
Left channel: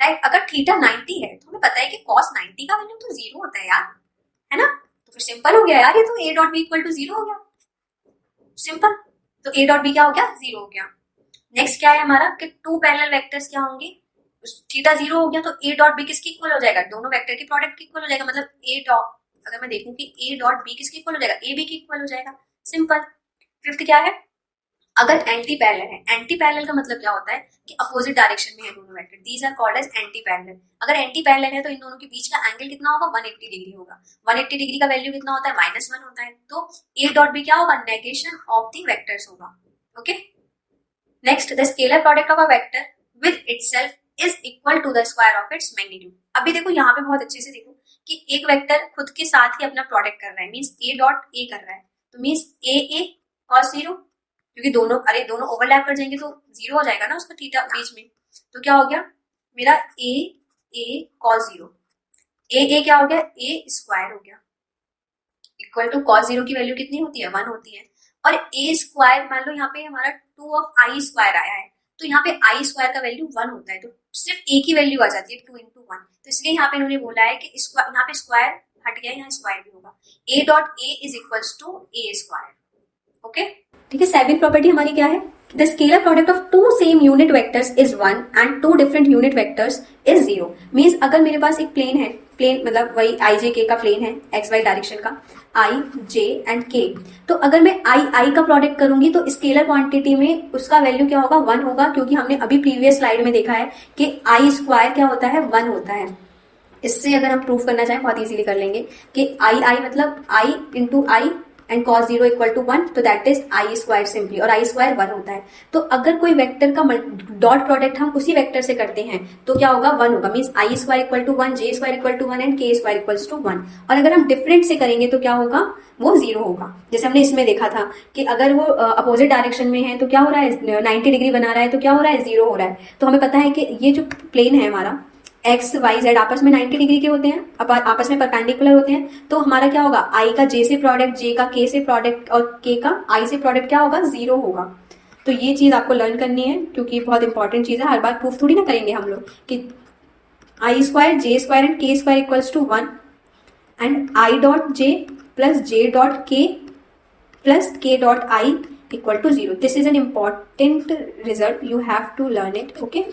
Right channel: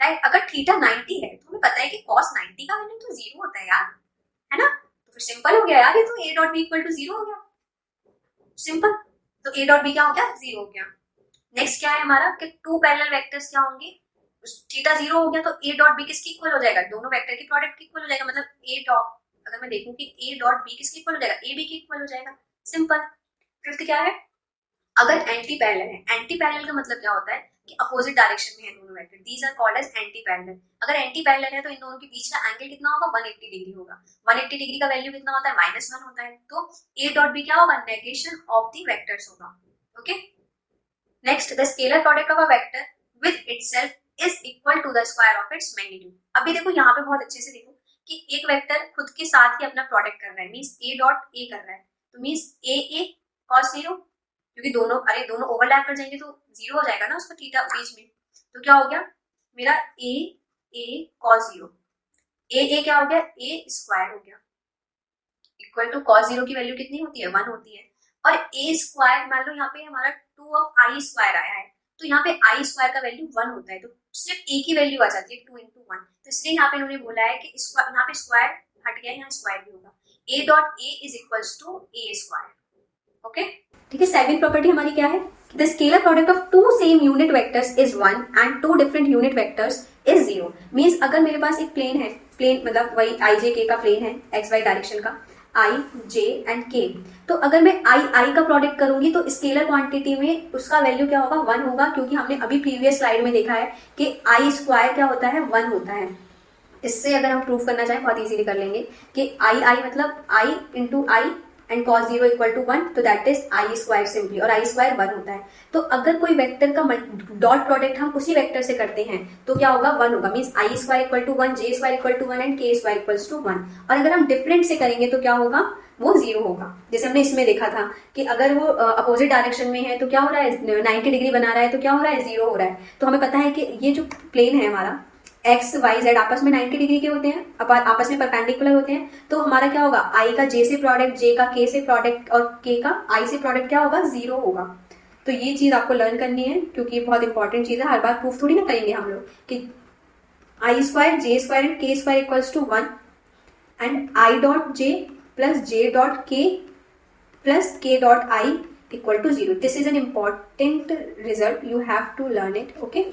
right. अगर थीटा 90 है तो हमें पता है कि कॉस 90 का वैल्यू तो 0 होता है यार, है ना। तो फिर सिंपल हो गया यार, ये तो A dot B equal to 0 हो गया, सिंपल। तो ए डॉट बी क्या हो गया? 0 हो गया। नेक्स्ट क्या है हमारा कि 2 पैरेलल वेक्टर्स क्या होंगे? थीटा 0 हो गया तो ए डॉट बी किसके इक्वल हो जाएगा? दोनों वेक्टर के प्रोडक्ट के इक्वल हो जाएगा। मतलब ए डॉट, अगर मैं देखूं कि ए डॉट बी किसके इक्वल हो जाएगा? ए बी के इक्वल हो जाएगा, सिंपल। फिफ्थ क्या है? अगर एंटी पैरेलल है, एंटी पैरेलल का मतलब क्या होता है कि अपोजिट डायरेक्शन में है दोनों vector, these are called as anti parallel. अगर एंटी पैरेलल है तो इन दोनों के बीच का एंगल कितना होगा? 180 डिग्री होगा। 180 डिग्री का वैल्यू कितना होता है? -1 होता है। तो ए डॉट बी क्या होगा? नेगेशन ऑफ द वेक्टर्स होगा। Okay, next, the scalar product of a vector with itself is equal to the square of its magnitude. अभी देखो यहाँ पे बहुत अच्छे से देखो कि एक वेक्टर खुद के साथ ही अपना प्रोडक्ट कर रहा है, मींस ए डॉट ए कर रहा है, तो मींस ए cos 0, क्योंकि दोनों ओवरलैप कर जाएंगे तो 0 हो जाएगा ना उसका थीटा बीच में। तो क्या हो गया मेरा ए cos 0, ए क्या हो गया? ए स्क्वायर हो गया, इक्वल टू cos 0 की वैल्यू कितनी होती है? 1 होती है। और ए स्क्वायर, मान लो यहाँ पे हमारा 2 ऑफ आई स्क्वायर आया है, तो यहाँ पे आई स्क्वायर का वैल्यू 1 होता है, तो सिर्फ ए की वैल्यू आ जाती है 2 इंटू 1। तो इसलिए यहाँ पे इन्होंने बोला है कि यहाँ पे स्क्वायर हट गया, यहाँ स्क्वायर भी होगा। A dot A is equals to A square. Okay, ठीक है। सेकंड प्रॉपर्टी हमारी क्या है? The scalar product of 2 same unit vectors is 1 and 2 different unit vectors is zero. Means अगर मेरे पास एक प्लेन है, प्लेन मतलब वही आई जे के का प्लेन है, एक्स वाई डायरेक्शन का, आई जे एंड के, तो अगर मैं आई का प्रोडक्ट करूंगी तो स्केलर क्वांटिटी में उसका वैल्यू क्या होगा, 1 होगा, क्योंकि हमने अभी प्रीवियस स्लाइड में देखा है कि आई स्क्वायर क्या होता है, 1 होता है। इससे अगर हम प्रूफ करना चाहें बहुत इजीली कर लेंगे कि आई मतलब i into i and cos 0 equal to 1, तो that is i square simply, और आई स्क्वायर 1 होता है। तो अगर कोई वेक्टर का डॉट प्रोडक्ट हम उसी वेक्टर से करते हैं तो क्या होगा, 1 होगा। Means I square equal to 1, J square equal to 1 and K square equal to 1। और अगर हम डिफरेंट से करेंगे तो क्या होगा, वो 0 होगा। जैसे हमने इसमें देखा था कि अगर वो अपोजिट डायरेक्शन में है तो क्या हो रहा है, 90 डिग्री बना रहा है तो क्या हो रहा है, 0 हो रहा है। तो हमें पता है कि ये जो प्लेन है हमारा एक्स वाई जेड आपस में 90 डिग्री के होते हैं, आपस में परपेंडिकुलर होते हैं, तो हमारा क्या होगा, आई का जे से प्रोडक्ट, जे का के से प्रोडक्ट और के का आई से प्रोडक्ट क्या होगा, 0 होगा। तो ये चीज आपको लर्न करनी है क्योंकि ये बहुत इंपॉर्टेंट चीज है। हर बार प्रूफ थोड़ी ना करेंगे हम लोग कि I square J square and K square equals to 1 and I dot J plus J dot K plus K dot I equal to 0। This is an important result, you have to learn it. Okay,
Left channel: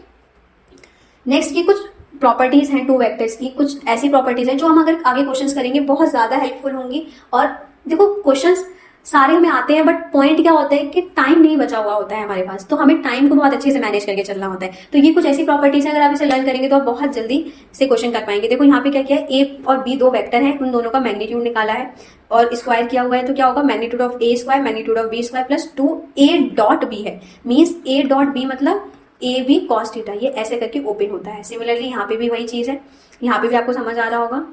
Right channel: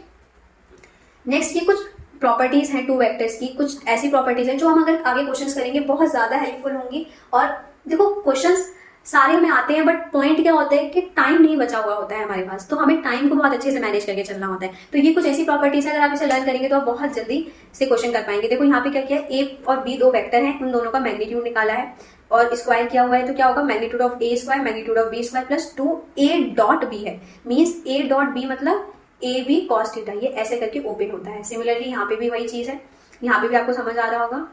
next ये कुछ properties हैं two vectors की, कुछ ऐसी properties हैं जो हम अगर आगे क्वेश्चंस करेंगे बहुत ज्यादा हेल्पफुल होंगी। और देखो क्वेश्चंस सारे हमें आते हैं, बट पॉइंट क्या होता है कि टाइम नहीं बचा हुआ होता है हमारे पास, तो हमें टाइम को बहुत अच्छे से मैनेज करके चलना होता है। तो ये कुछ ऐसी प्रॉपर्टीज है, अगर आप इसे लर्न करेंगे तो आप बहुत जल्दी से क्वेश्चन कर पाएंगे। देखो यहाँ पे क्या किया है, ए और बी दो वेक्टर हैं, उन दोनों का मैग्नीट्यूड निकाला है और स्क्वायर किया हुआ है, तो क्या होगा, magnitude of A square magnitude of B square plus 2a dot B है। मीन्स a डॉट बी मतलब ए बी कॉस थीटा, ये ऐसे करके ओपन होता है। सिमिलरली यहाँ पे भी वही चीज़ है, यहाँ पे भी आपको समझ आ रहा होगा।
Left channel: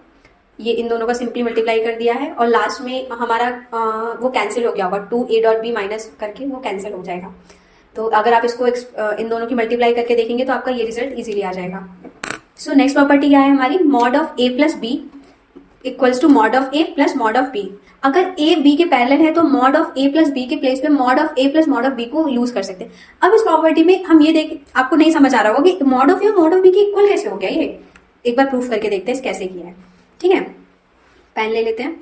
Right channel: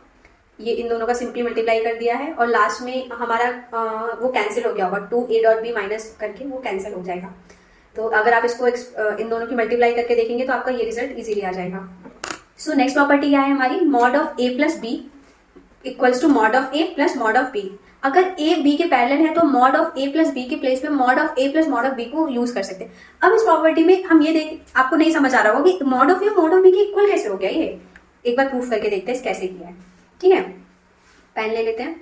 ये इन दोनों का सिंपली मल्टीप्लाई कर दिया है और लास्ट में हमारा वो कैंसिल हो गया होगा, 2a डॉट बी माइनस करके वो कैंसिल हो जाएगा। तो अगर आप इसको इन दोनों की मल्टीप्लाई करके देखेंगे तो आपका ये रिजल्ट इजीली आ जाएगा। सो नेक्स्ट प्रॉपर्टी क्या है हमारी, mod of A plus B equals to mod of A plus mod of B. अगर ए बी के पैरेलल है तो mod of A plus B के प्लेस पे mod of A plus mod of B को यूज कर सकते हैं। अब इस प्रॉपर्टी में हम ये देख, आपको नहीं समझ आ रहा होगा कि मॉड ऑफ ए और मॉड ऑफ बी के इक्वल कैसे हो गया, ये एक बार प्रूफ करके देखते हैं कैसे किया है। ठीक है, पेन ले लेते हैं,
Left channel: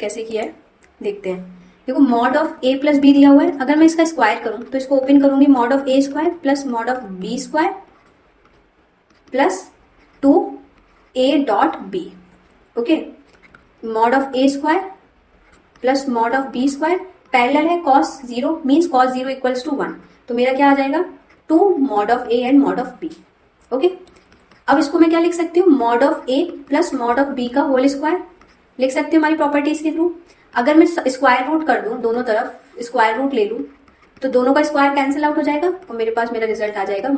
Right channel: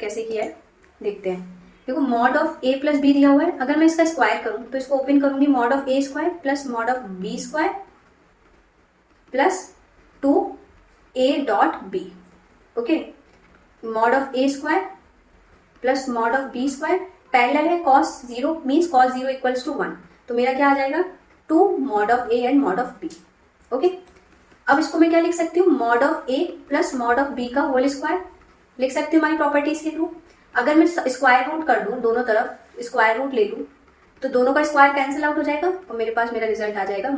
कैसे किया है देखते हैं। देखो mod of A plus B दिया हुआ है, अगर मैं इसका स्क्वायर करूं तो इसको ओपन करूंगी, mod of A square plus mod of B square plus 2a dot B. Okay, mod of A square plus mod of B square parallel है cos 0, means cos 0 equals to 1, तो मेरा क्या आ जाएगा 2 mod of A and mod of B. Okay, अब इसको मैं क्या लिख सकती हूँ, mod of A plus mod of B का होल स्क्वायर लिख सकती हूँ हमारी प्रॉपर्टीज के थ्रू। अगर मैं स्क्वायर रूट कर दूँ, दोनों तरफ स्क्वायर रूट ले लूँ तो दोनों का स्क्वायर कैंसिल आउट हो जाएगा और मेरे पास मेरा रिजल्ट आ जाएगा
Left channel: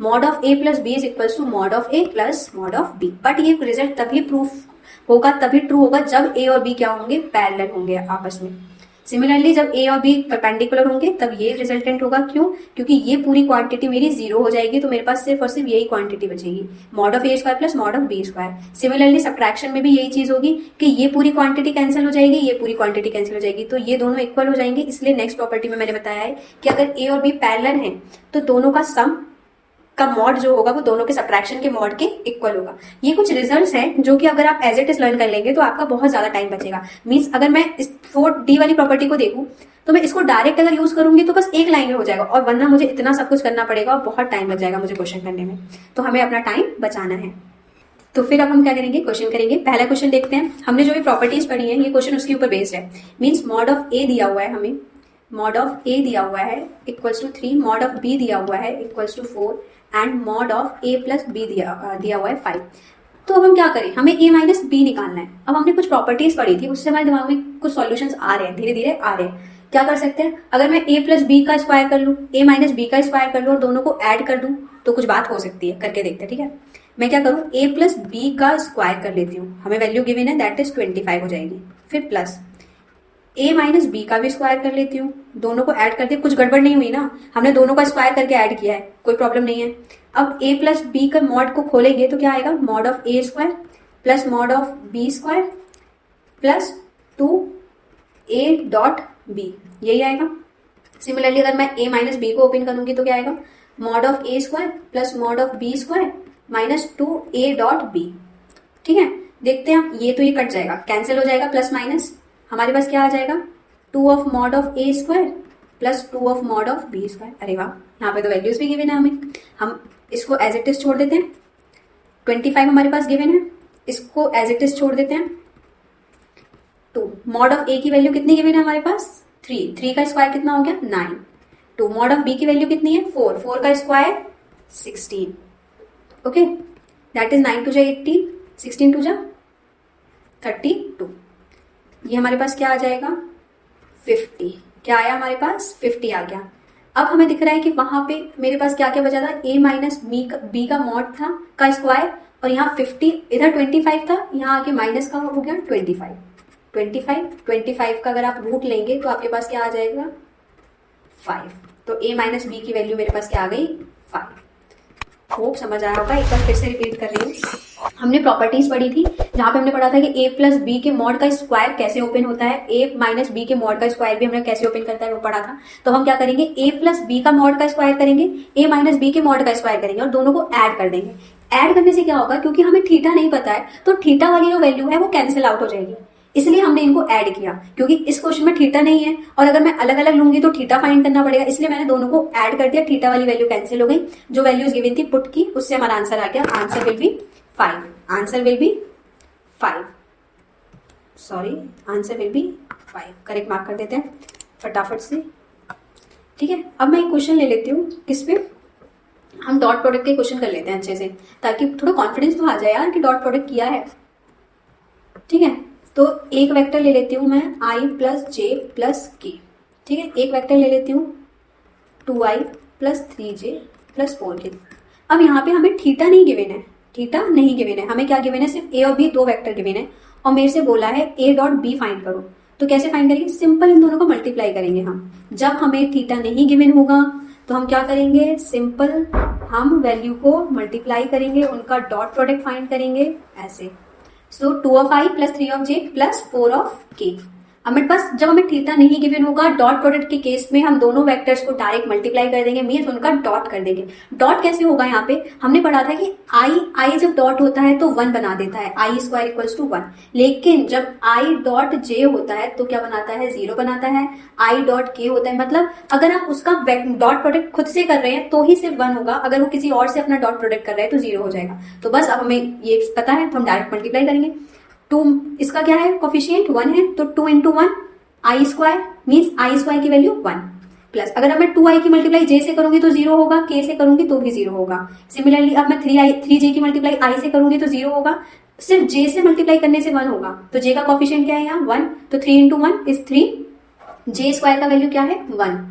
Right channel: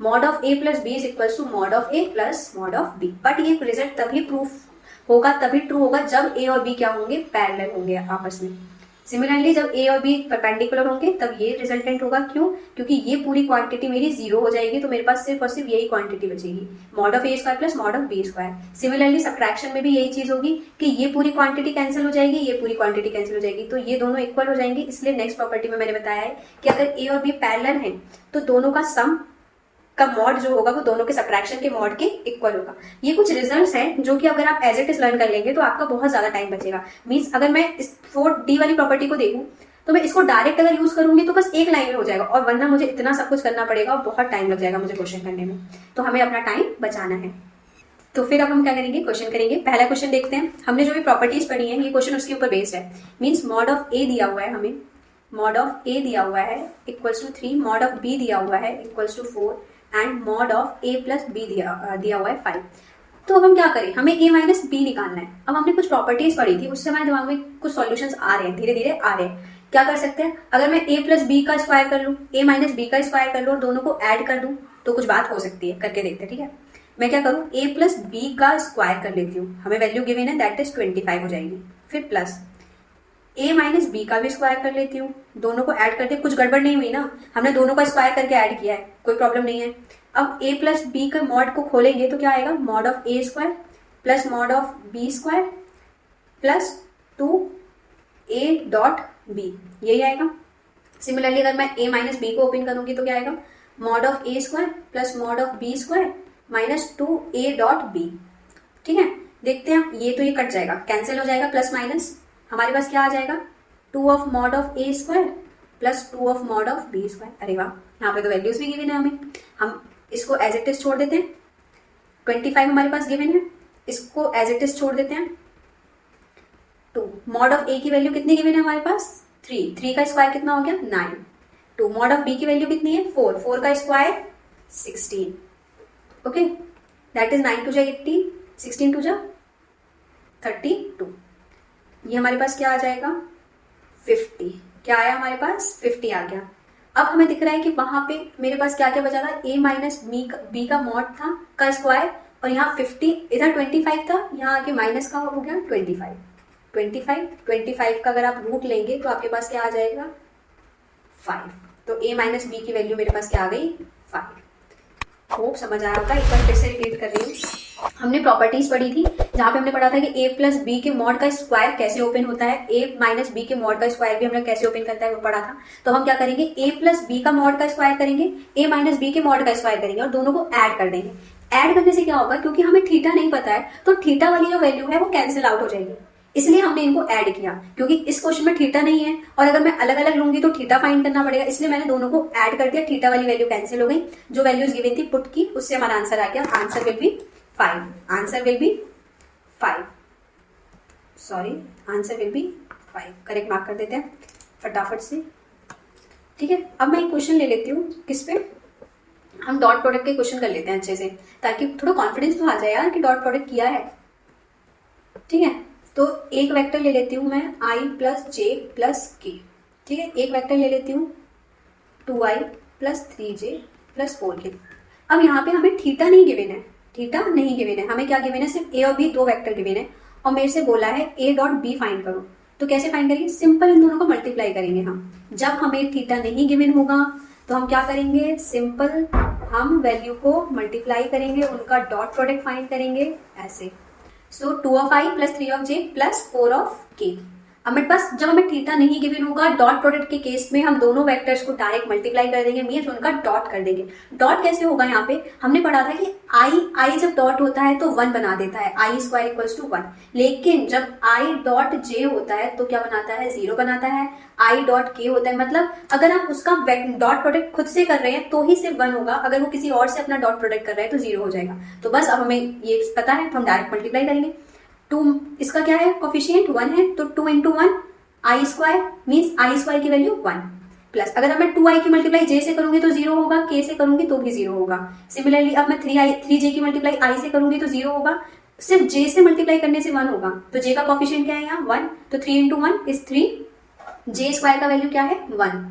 mod of A plus B is equals to mod of A plus mod of B. But ये रिजल्ट तभी प्रूफ होगा, तभी ट्रू होगा जब ए और बी क्या होंगे, पैरेलल होंगे आपस में। सिमिलरली जब ए और बी परपेंडिकुलर होंगे तब ये रिजल्टेंट होगा। क्यों, क्योंकि ये पूरी क्वांटिटी मेरी 0 हो जाएगी, तो मेरे पास सिर्फ और सिर्फ यही क्वांटिटी बचेगी, mod of A square plus mod of B square. Similarly subtraction में भी यही चीज होगी कि ये पूरी क्वांटिटी कैंसिल हो जाएगी, ये पूरी क्वांटिटी कैंसिल हो जाएगी, तो ये दोनों इक्वल हो जाएंगे। इसलिए नेक्स्ट प्रॉपर्टी में मैंने बताया है कि अगर ए और बी पैरेलल है तो दोनों का सम का मॉड जो होगा वो दोनों के सब्ट्रैक्शन के मॉड के इक्वल होगा। ये कुछ रिजल्ट्स हैं जो कि अगर आप एज इट इज लर्न कर लेंगे तो आपका बहुत ज्यादा टाइम बचेगा। मीन्स अगर मैं इस 4D वाली प्रॉपर्टी को देखूं तो मैं इसको डायरेक्ट अगर यूज करूंगी तो बस एक लाइन में हो जाएगा, और वरना मुझे इतना सब कुछ करना पड़ेगा और बहुत टाइम लग जाएगा मुझे क्वेश्चन करने में, तो हमें अपना टाइम बचाना है। तो फिर अब हम क्या करेंगे, क्वेश्चन करेंगे। पहला क्वेश्चन देखते हैं, हमने जो भी प्रॉपर्टीज पढ़ी है ये क्वेश्चन उसके ऊपर बेस्ड है। मीन्स मॉड ऑफ ए दिया हुआ है हमें, मॉड ऑफ ए दिया हुआ है equals to 3, mod of B दिया हुआ है equals to 4 and mod of A plus B दिया हुआ है 5। तो अब हम क्या करें, हमें ए माइनस बी निकालना है। अब हमने कुछ प्रॉपर्टीज पढ़ी थी, उससे हमारे दिमाग में कुछ सॉल्यूशंस आ रहे हैं, धीरे धीरे आ रहे हैं। क्या कर सकते हैं, अगर मैं ए प्लस बी का स्क्वायर कर लूँ, ए माइनस बी का स्क्वायर कर लूँ और दोनों को ऐड कर दूँ तो कुछ बात हो सकती है, करके देखते हैं। ठीक है, मैं क्या करूँ, ए प्लस बी का स्क्वायर कर लेती हूँ, हमें वैल्यू गिवन है दैट इज 25 हो जाएगी। फिर प्लस ए माइनस बी का भी स्क्वायर कर लेती हूँ, दोनों को ऐड कर दिया, कुछ गड़बड़ नहीं हुई ना, हमने दोनों का स्क्वायर करके ऐड किया है, कोई प्रॉब्लम नहीं है। अब ए प्लस बी का मॉड को खोलेंगे तो क्या आएगा, mod of A square plus mod of B square plus 2a dot B, यही आएगा। सिमिलरली अगर मैं a माइनस बी को ओपन करूंगी तो क्या आएगा, mod of A square plus mod of B square minus 2a dot B. ठीक है, देखते हैं, ये तो ये कट जाएगा, कैंसिल हो जाएगा, प्लस माइनस हमारे पास क्या आ जाएगा, 2 of mod of A square plus 2 of mod of B square. अरे वाह, यहाँ पे तो वैल्यूज भी गिवन है हमें, हम इसको एज इट इज छोड़ देते हैं। 25 हमारे पास गिवन है, इसको एज इट इज छोड़ देते हैं। 2 मॉड ऑफ ए की वैल्यू कितनी गिवन है हमारे पास 3 का स्क्वायर कितना हो गया 9। 2 मॉड ऑफ बी की वैल्यू कितनी है 4 का स्क्वायर 16। ओके, दैट इज 9 2 जा 18, 16 2 जा 32। ये हमारे पास क्या आ जाएगा 50। क्या आया हमारे पास 50 आ गया। अब हमें दिख रहा है कि वहां पे मेरे पास क्या क्या बचा था, a माइनस बी का मॉड था का स्क्वायर, और यहाँ 50 इधर 25 था, यहाँ आके माइनस का हो गया 25 का अगर आप रूट लेंगे तो आपके पास क्या आ जाएगा 5। तो a माइनस बी की वैल्यू मेरे पास क्या आ गई 5। होप समझ आया होगा। एक बार फिर से रिपीट कर रही हूँ। हमने प्रॉपर्टीज पढ़ी थी जहां पे हमने पढ़ा था कि a प्लस बी के मॉड का स्क्वायर कैसे ओपन होता है, a माइनस बी के मॉड का स्क्वायर भी हमने कैसे ओपन करता है वो पढ़ा था। तो हम क्या करेंगे a प्लस बी का मॉड का स्क्वायर करेंगे, a माइनस बी के मॉड का स्क्वायर करेंगे और दोनों को ऐड कर देंगे। ऐड करने से क्या होगा, क्योंकि हमें थीटा नहीं पता है तो थीटा वाली जो वैल्यू है वो कैंसिल आउट हो जाएगी, इसलिए हमने इनको ऐड किया। क्योंकि इस क्वेश्चन में थीटा नहीं है और अगर मैं अलग अलग लूंगी तो थीटा फाइंड करना पड़ेगा, इसलिए मैंने दोनों को ऐड कर दिया। थीटा वाली वैल्यू कैंसिल हो गई, जो वैल्यूज गिवन थी पुट की, उससे हमारा आंसर आ गया। Answer will be 5। Answer will be 5, sorry answer will be 5। Correct mark कर देते हैं फटाफट से। ठीक है, अब मैं एक क्वेश्चन ले लेती हूँ, किस पे हम डॉट प्रोडक्ट के क्वेश्चन कर लेते हैं अच्छे से, ताकि थोड़ा कॉन्फिडेंस तो आ जाए यार कि डॉट प्रोडक्ट किया है। ठीक है, तो एक वेक्टर ले लेती हूँ मैं i प्लस जे प्लस के। ठीक है, एक वेक्टर ले लेती हूँ 2i plus 3j plus 4k। अब यहाँ पे हमें थीटा नहीं गिवन है, थीटा नहीं गिवन है, हमें क्या गिवन है, सिर्फ a और b दो वेक्टर गिवन है और मेरे से बोला है a डॉट b फाइंड करो। तो कैसे फाइंड करेंगे, सिंपल इन दोनों को मल्टीप्लाई करेंगे हम। जब हमें थीटा नहीं गिवन होगा तो हम क्या करेंगे, सिंपल हम वैल्यू को मल्टीप्लाई करेंगे, उनका डॉट प्रोडक्ट फाइंड करेंगे ऐसे। सो 2 of i plus 3 of j plus 4 of k। अब मेरे पास जब हमें थीटा नहीं गिवन होगा, डॉट प्रोडक्ट के केस में हम दोनों वेक्टर्स को डायरेक्ट मल्टीप्लाई कर देंगे, मीन्स उनका डॉट कर देंगे। डॉट कैसे होगा, यहाँ पे हमने पढ़ा था कि i जब डॉट होता है तो 1 बना देता है, i स्क्वायर इक्वल्स टू 1। लेकिन जब i डॉट j होता है तो क्या बनाता है, 0 बनाता है। i डॉट k होता है, मतलब अगर आप उसका डॉट प्रोडक्ट खुद से कर रहे हैं तो ही सिर्फ 1 होगा, अगर वो किसी और से अपना डॉट प्रोडक्ट कर रहे हैं तो 0 हो जाएगा। तो बस अब हमें ये पता है तो हम डायरेक्ट मल्टीप्लाई करेंगे। 2 इसका क्या है, कोफिशिएंट 1 है, तो 2 into 1 I square, means I square की वैल्यू 1 प्लस, अगर अब मैं 2i की मल्टीप्लाई j से करूंगी तो 0 होगा, k से करूंगी तो भी 0 होगा। सिमिलरली अब मैं 3j की मल्टीप्लाई i से करूंगी तो 0 होगा, सिर्फ j से मल्टीप्लाई करने से 1 होगा। तो j का कोफिशिएंट क्या है यहाँ 1, तो 3 इंटू 1 इज 3, j स्क्वायर का वैल्यू क्या है 1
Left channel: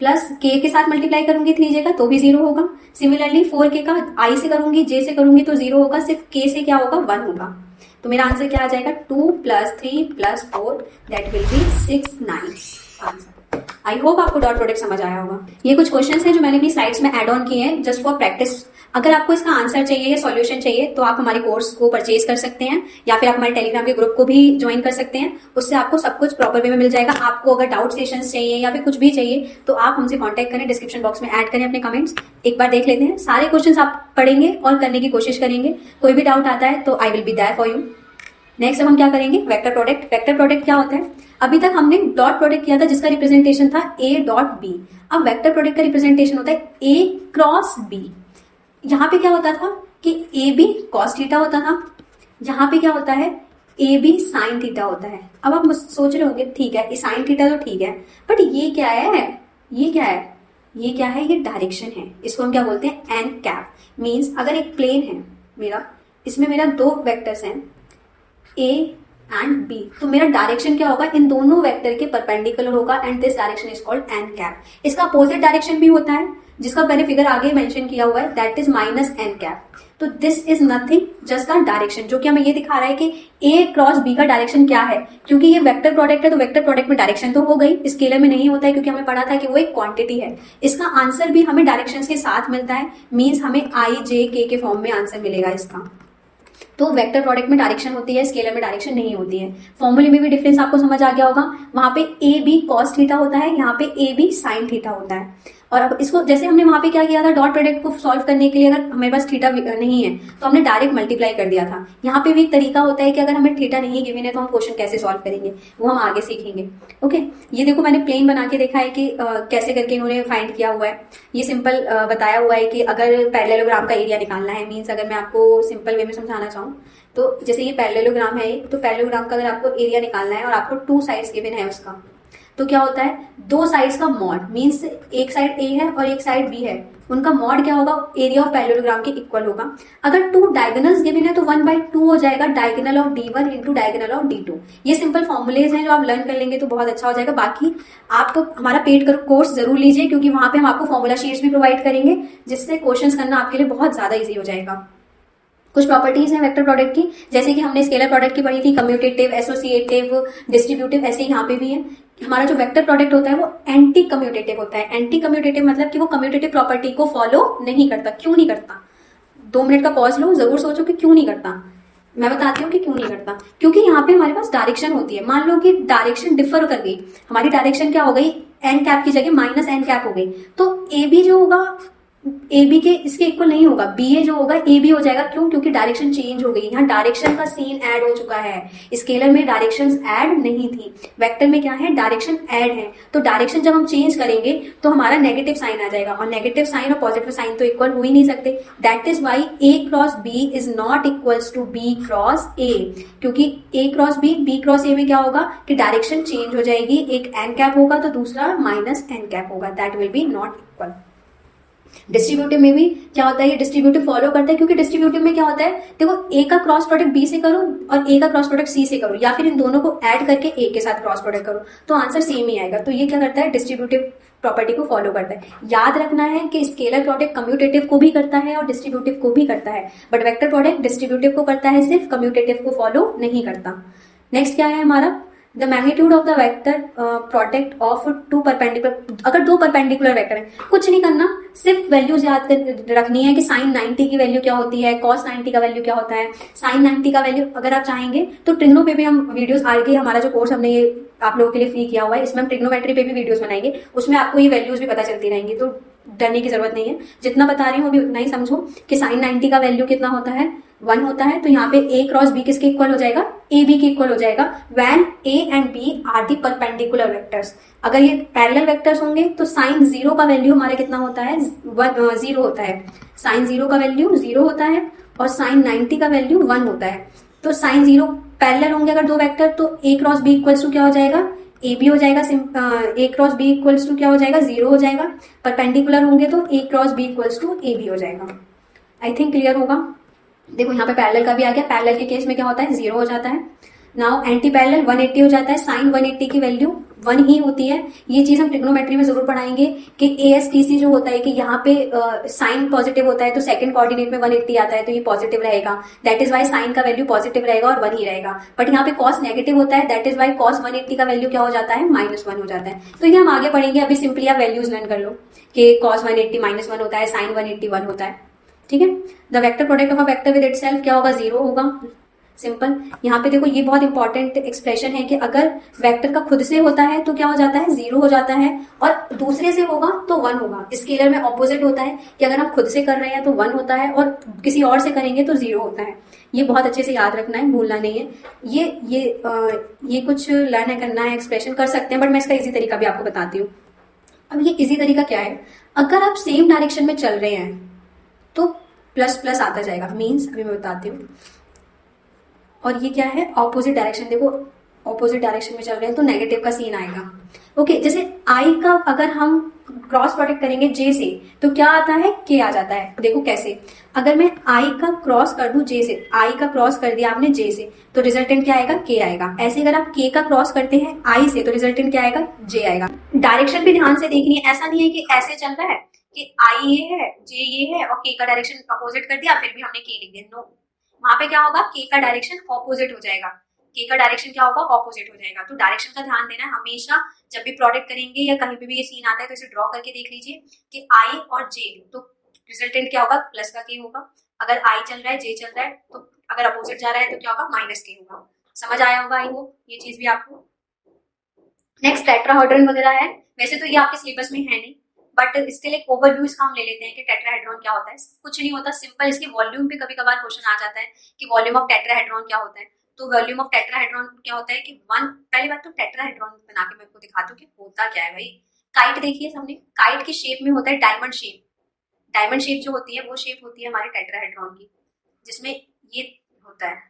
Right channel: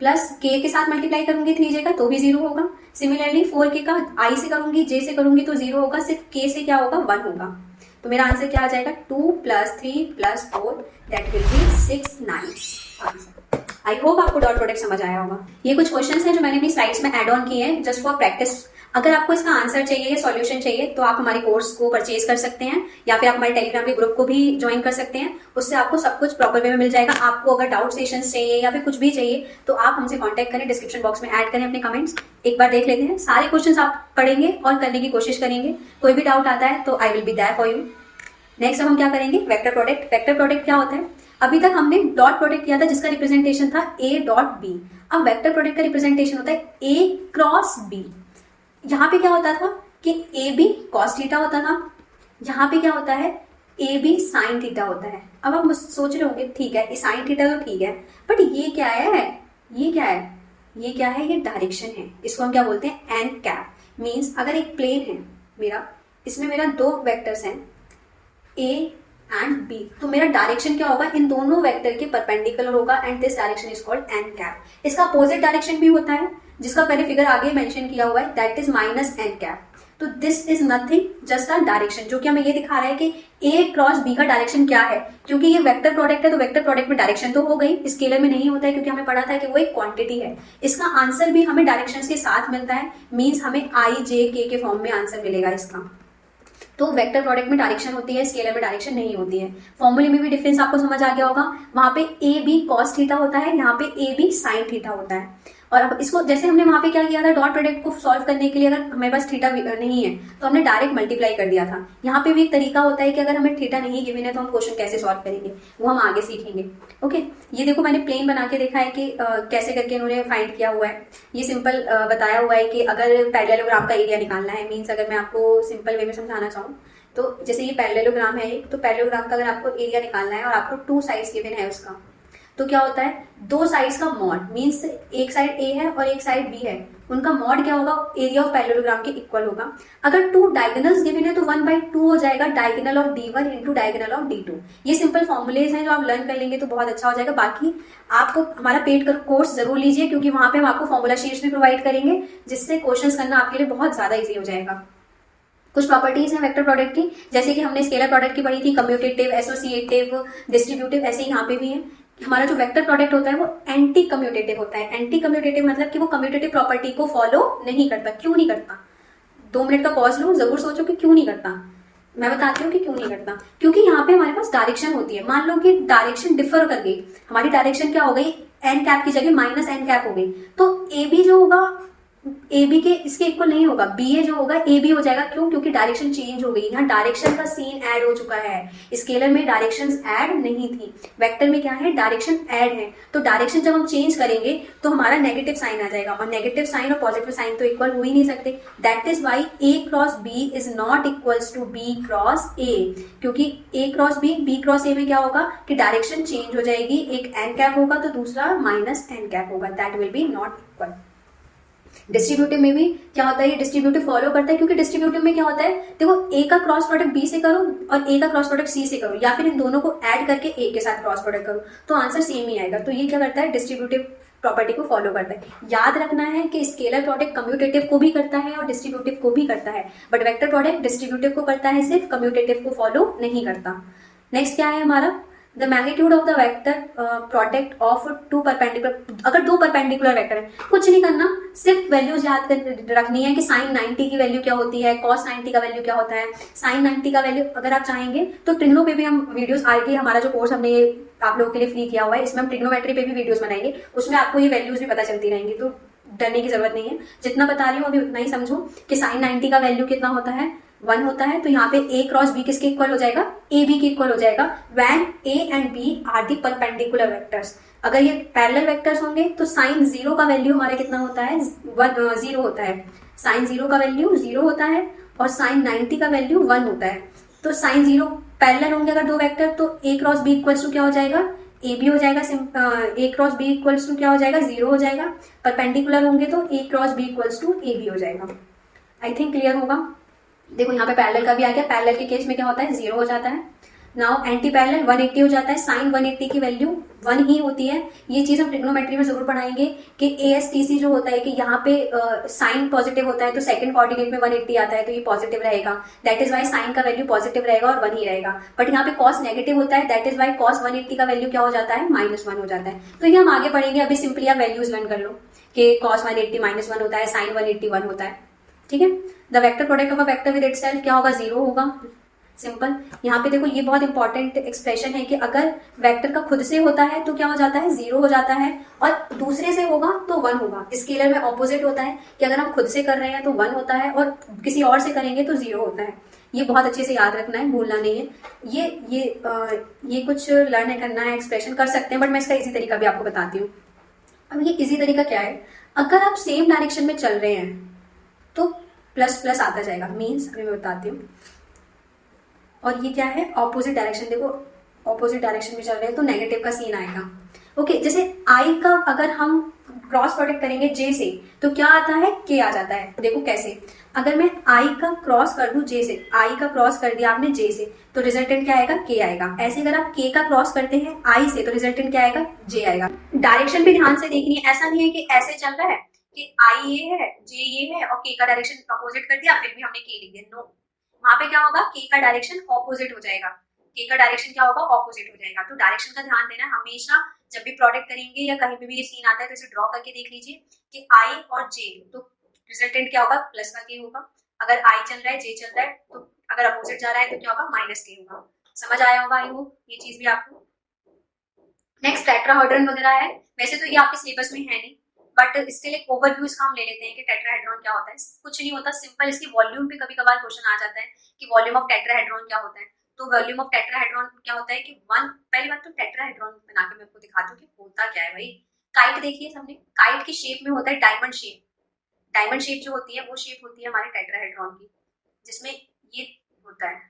प्लस k के साथ मल्टीप्लाई करूंगी 3j का तो भी 0 होगा। सिमिलरली 4k का i से करूंगी j से करूंगी तो 0 होगा, सिर्फ k से क्या होगा 1 होगा। तो मेरा आंसर क्या आ जाएगा 2 plus 3 plus 4 that will B 6 9 answer. I hope आपको डॉट प्रोडक्ट समझ आया होगा। ये कुछ क्वेश्चंस हैं जो मैंने अपनी स्लाइड्स में ऐड ऑन किए हैं जस्ट फॉर प्रैक्टिस। अगर आपको इसका आंसर चाहिए या सॉल्यूशन चाहिए तो आप हमारे कोर्स को परचेज कर सकते हैं या फिर आप हमारे टेलीग्राम के ग्रुप को भी ज्वाइन कर सकते हैं, उससे आपको सब कुछ प्रॉपर वे में मिल जाएगा। आपको अगर डाउट सेशंस चाहिए या फिर कुछ भी चाहिए तो आप हमसे कांटेक्ट करें, डिस्क्रिप्शन बॉक्स में ऐड करें अपने कमेंट्स, एक बार देख लेते हैं। सारे क्वेश्चंस आप पढ़ेंगे और करने की कोशिश करेंगे, कोई भी डाउट आता है तो I will be there for you. Next अब हम क्या करेंगे, वेक्टर प्रोडक्ट। वेक्टर प्रोडक्ट क्या होता है, अभी तक हमने डॉट प्रोडक्ट किया था जिसका रिप्रेजेंटेशन था a डॉट b। अब वेक्टर प्रोडक्ट का रिप्रेजेंटेशन होता है a क्रॉस b। यहाँ पे क्या होता था कि ए बी कॉस थीटा होता था, यहाँ पे क्या होता है ए बी साइन थीटा होता है। अब आप सोच रहे होंगे ठीक है साइन थीटा तो ठीक है, बट ये क्या है, ये क्या है, ये क्या है, ये डायरेक्शन है। इसको हम क्या बोलते हैं एन कैप। मीन्स अगर एक प्लेन है मेरा, इसमें मेरा दो वेक्टर्स हैं ए एंड बी, तो मेरा डायरेक्शन क्या होगा, इन दोनों वेक्टर के परपेंडिकुलर होगा and this direction is called an cap. इसका अपोजिट डायरेक्शन भी होता है जिसका मैंने फिगर आगे मेंशन किया हुआ है, that is minus n cap. तो this is nothing just a direction, जो कि हमें ये दिखा रहा है कि ए क्रॉस बी का डायरेक्शन क्या है। क्योंकि ये वेक्टर प्रोडक्ट है तो वेक्टर प्रोडक्ट में डायरेक्शन तो हो गई, स्केलर में नहीं होता है क्योंकि हमें पढ़ा था कि वो एक क्वांटिटी है। इसका आंसर भी हमें डायरेक्शंस के साथ मिलता है, मीन्स हमें आई जे के फॉर्म में आंसर मिलेगा इसका। तो वेक्टर प्रोडक्ट में डायरेक्शन होती है, स्केलर में डायरेक्शन नहीं होती है। फॉर्मूले में भी डिफरेंस आपको समझ आ गया होगा, वहां पे ए बी कॉस थीटा होता है, यहाँ पे ए बी साइन थीटा होता है। और अब इसको जैसे हमने वहां पे क्या किया था, डॉट प्रोडक्ट को सॉल्व करने के लिए अगर हमारे पास थीटा नहीं है तो हमने डायरेक्ट मल्टीप्लाई कर दिया था। यहाँ पे भी एक तरीका होता है कि अगर हमें थीटा नहीं गिवन है तो हम क्वेश्चन कैसे सॉल्व करेंगे, वो हम आगे सीखेंगे। ओके, ये देखो मैंने प्लेन बना के देखा है कि कैसे करके इन्होंने फाइंड किया हुआ है। ये सिंपल बताया हुआ है कि अगर पैरेललोग्राम का एरिया निकालना है, मीन्स अगर मैं आपको सिंपल वे में समझाना चाहूँ तो जैसे ये पैरेललोग्राम है, तो पैरेललोग्राम का अगर आपको एरिया निकालना है और आपको 2 साइड्स गिवन है उसका, तो क्या होता है, 2 साइड्स का मॉड, मीन्स एक साइड ए है और एक साइड बी है, उनका मॉड क्या होगा, एरिया ऑफ पैरेललोग्राम के इक्वल होगा। अगर 2 डायगोनल्स गिवन है तो 1/2 हो जाएगा diagonal of D1 into diagonal of D2। ये सिंपल फॉर्मुलेज हैं जो आप लर्न कर लेंगे तो बहुत अच्छा हो जाएगा। बाकी आप हमारा पेड कोर्स जरूर लीजिए, क्योंकि वहां पे हम आपको फॉर्मूला शीट्स भी प्रोवाइड करेंगे, जिससे क्वेश्चंस करना आपके लिए बहुत ज्यादा ईजी हो जाएगा। कुछ प्रॉपर्टीज हैं वेक्टर प्रोडक्ट की, जैसे कि हमने स्केलर प्रोडक्ट की पढ़ी थी, कम्यूटेटिव, एसोसिएटिव, डिस्ट्रीब्यूटिव, ऐसे यहाँ पे भी है। हमारा जो वेक्टर प्रोडक्ट होता है वो एंटी कम्यूटेटिव होता है। एंटी कम्यूटेटिव मतलब कि वो कम्यूटेटिव प्रॉपर्टी को फॉलो नहीं करता। क्यों नहीं करता? 2 मिनट का पॉज लो, जरूर सोचो कि क्यों नहीं करता। मैं बताती हूँ कि क्यों नहीं करता। क्योंकि यहाँ पे हमारे पास डायरेक्शन होती है। मान लो कि डायरेक्शन डिफर कर गई, हमारी डायरेक्शन क्या हो गई, एन कैप की जगह -n कैप हो गई, तो ए बी जो होगा ए बी के इसके इक्वल नहीं होगा, बी ए जो होगा ए बी हो जाएगा। क्यों? क्योंकि डायरेक्शन चेंज हो गई। यहाँ डायरेक्शन का सीन ऐड हो चुका है। स्केलर में डायरेक्शंस ऐड नहीं थी, वेक्टर में क्या है, डायरेक्शन ऐड है। तो डायरेक्शन जब हम चेंज करेंगे तो हमारा नेगेटिव साइन आ जाएगा, और नेगेटिव साइन और पॉजिटिव साइन तो इक्वल हो ही नहीं सकते। That is why A cross B is not equals to B cross A, क्योंकि A cross B cross A में क्या होगा कि डायरेक्शन चेंज हो जाएगी। एक एन कैप होगा तो दूसरा -n कैप होगा, that will B not equal. Distributive में भी क्या होता है, ये डिस्ट्रीब्यूटिव फॉलो करता है, क्योंकि डिस्ट्रीब्यूटिव में क्या होता है, देखो ए का क्रॉस प्रोडक्ट बी से करो और ए का क्रॉस प्रोडक्ट सी से करो, या फिर इन दोनों को ऐड करके ए के साथ क्रॉस प्रोडक्ट करो, तो आंसर सेम ही आएगा। तो ये क्या करता है, डिस्ट्रीब्यूटिव प्रॉपर्टी को फॉलो करता है। याद रखना है कि स्केलर प्रोडक्ट कम्यूटेटिव को भी करता है और डिस्ट्रीब्यूटिव को भी करता है, बट वेक्टर प्रोडक्ट डिस्ट्रीब्यूटिव को करता है, सिर्फ कम्यूटेटिव को फॉलो नहीं करता। नेक्स्ट क्या है हमारा, the magnitude of the vector product of 2 perpendicular. अगर 2 परपेंडिकुलर वेक्टर है, कुछ नहीं करना, सिर्फ वैल्यूज याद कर रखनी है कि साइन 90 की वैल्यू क्या होती है, कॉस 90 का वैल्यू क्या होता है। साइन 90 का वैल्यू अगर आप चाहेंगे तो ट्रिग्नो पे भी हम वीडियोस आगे, हमारा जो कोर्स हमने ये आप लोगों के लिए फ्री किया हुआ है, इसमें हम ट्रिग्नोमेट्री पे भी वीडियोस बनाएंगे, उसमें आपको ये वैल्यूज भी पता चलती रहेंगी, तो डरने की जरूरत नहीं है। जितना बता रही हूँ अभी उतना ही समझो कि साइन 90 का वैल्यू कितना होता है, 1 होता है। तो यहाँ पे ए क्रॉस बी किसके इक्वल हो जाएगा, ए बी के इक्वल हो जाएगा, when A and B are the perpendicular vectors. अगर ये पैरेलल वेक्टर्स होंगे तो साइन 0 का वैल्यू हमारा कितना होता है, 0 होता है। साइन 0 का वैल्यू 0 होता है और साइन 90 का वैल्यू 1 होता है। तो साइन 0 पैरेलल होंगे अगर 2 वेक्टर, तो A cross B equals to क्या हो जाएगा, ए बी हो जाएगा। A cross B equals to क्या हो जाएगा, 0 हो जाएगा। परपेंडिकुलर होंगे तो A cross B equals to A B हो जाएगा। आई थिंक क्लियर होगा। देखो यहाँ पे पैरेलल का भी आ गया, पैरेलल के केस में क्या होता है, 0 हो जाता है। नाउ एंटी पैरेलल 180 हो जाता है। साइन 180 की वैल्यू 1 ही होती है। ये चीज हम ट्रिग्नोमेट्री में जरूर पढ़ाएंगे कि ASTC जो होता है कि यहाँ पे साइन पॉजिटिव होता है तो सेकंड कोऑर्डिनेट में 180 आता है तो ये पॉजिटिव रहेगा, दैट इज वाई साइन का वैल्यू पॉजिटिव रहेगा और 1 ही रहेगा। बट यहाँ पे कॉस नेगेटिव होता है, दैट इज वाई कॉस 180 का वैल्यू क्या हो जाता है, -1 हो जाता है। तो ये हम आगे पढ़ेंगे, अभी सिंपली आप वैल्यूज लर्न कर लो कि कॉस 180 -1 होता है, साइन 180 1 होता है। ठीक है, the vector product of a vector with itself क्या होगा, 0 होगा। सिंपल। यहाँ पे देखो ये बहुत इंपॉर्टेंट एक्सप्रेशन है कि अगर वेक्टर का खुद से होता है तो क्या हो जाता है, 0 हो जाता है, और दूसरे से होगा तो 1 होगा। स्केलर में ऑपोजिट होता है कि अगर हम खुद से कर रहे हैं तो 1 होता है और किसी और से करेंगे तो 0 होता है। ये बहुत अच्छे से याद रखना है, भूलना नहीं है। ये कुछ लर्न करना है, एक्सप्रेशन कर सकते हैं, बट मैं इसका इजी तरीका भी आपको बताती हूँ। अब ये इजी तरीका क्या है, अगर आप सेम डायरेक्शन में चल रहे हैं तो प्लस प्लस आता जाएगा, मीन्स अभी मैं बताती हूँ। और ये क्या है, ऑपोजिट डायरेक्शन। देखो ऑपोजिट डायरेक्शन में चल रहे हैं तो नेगेटिव का सीन आएगा। ओके, जैसे आई का अगर हम क्रॉस प्रोडक्ट करेंगे जे से तो क्या आता है, के आ जाता है। देखो कैसे, अगर मैं आई का क्रॉस कर दूं जे से, आई का क्रॉस कर दिया आपने जे से तो रिजल्टेंट क्या आएगा, के आएगा। ऐसे अगर आप के का क्रॉस करते हैं आई से तो रिजल्टेंट क्या आएगा, जे आएगा। डायरेक्शन भी ध्यान से देखनी है, ऐसा नहीं है कि ऐसे चल रहा है कि आई ये है, जे ये है और के का डायरेक्शन अपोजिट कर दिया फिर भी हमने के लिख दिया। नो, वहां पे क्या होगा, के का डायरेक्शन ऑपोजिट हो जाएगा। के का डायरेक्शन क्या होगा, ऑपोजिट हो जाएगा। तो डायरेक्शन का ध्यान देना है हमेशा, जब भी प्रोडक्ट करेंगे या कहीं पे भी ये सीन आता है तो इसे ड्रॉ करके देख लीजिए कि आई और जे, तो रिजल्टेंट क्या होगा, प्लस का के होगा। अगर आई चल रहा है, जे चल रहा है, तो अगर अपोजिट जा रहा है तो क्या होगा, माइनस के होगा। समझ आया होगा आई होप ये चीज भी आपको। नेक्स्ट टेट्राहेड्रन वगैरह है, वैसे तो ये आपके सिलेबस में है नहीं, बट स्टिल एक ओवरव्यू इसका हम ले लेते हैं कि टेट्राहेड्रॉन क्या होता है। कुछ नहीं होता, सिंपल इसके वॉल्यूम पे कभी कभार क्वेश्चन आ जाता है कि वॉल्यूम ऑफ टेट्राहेड्रॉन क्या होता है। तो वॉल्यूम ऑफ टेट्राहेड्रॉन क्या होता है कि वन, पहली बात तो टेट्राहेड्रॉन बना के मैं आपको दिखाती हूँ कि होता क्या है भाई। काइट देखिए हमने, काइट की शेप में होता है डायमंड शेप। डायमंड शेप जो होती है वो शेप होती है हमारे टेट्राहेड्रॉन की, जिसमें ये होता है,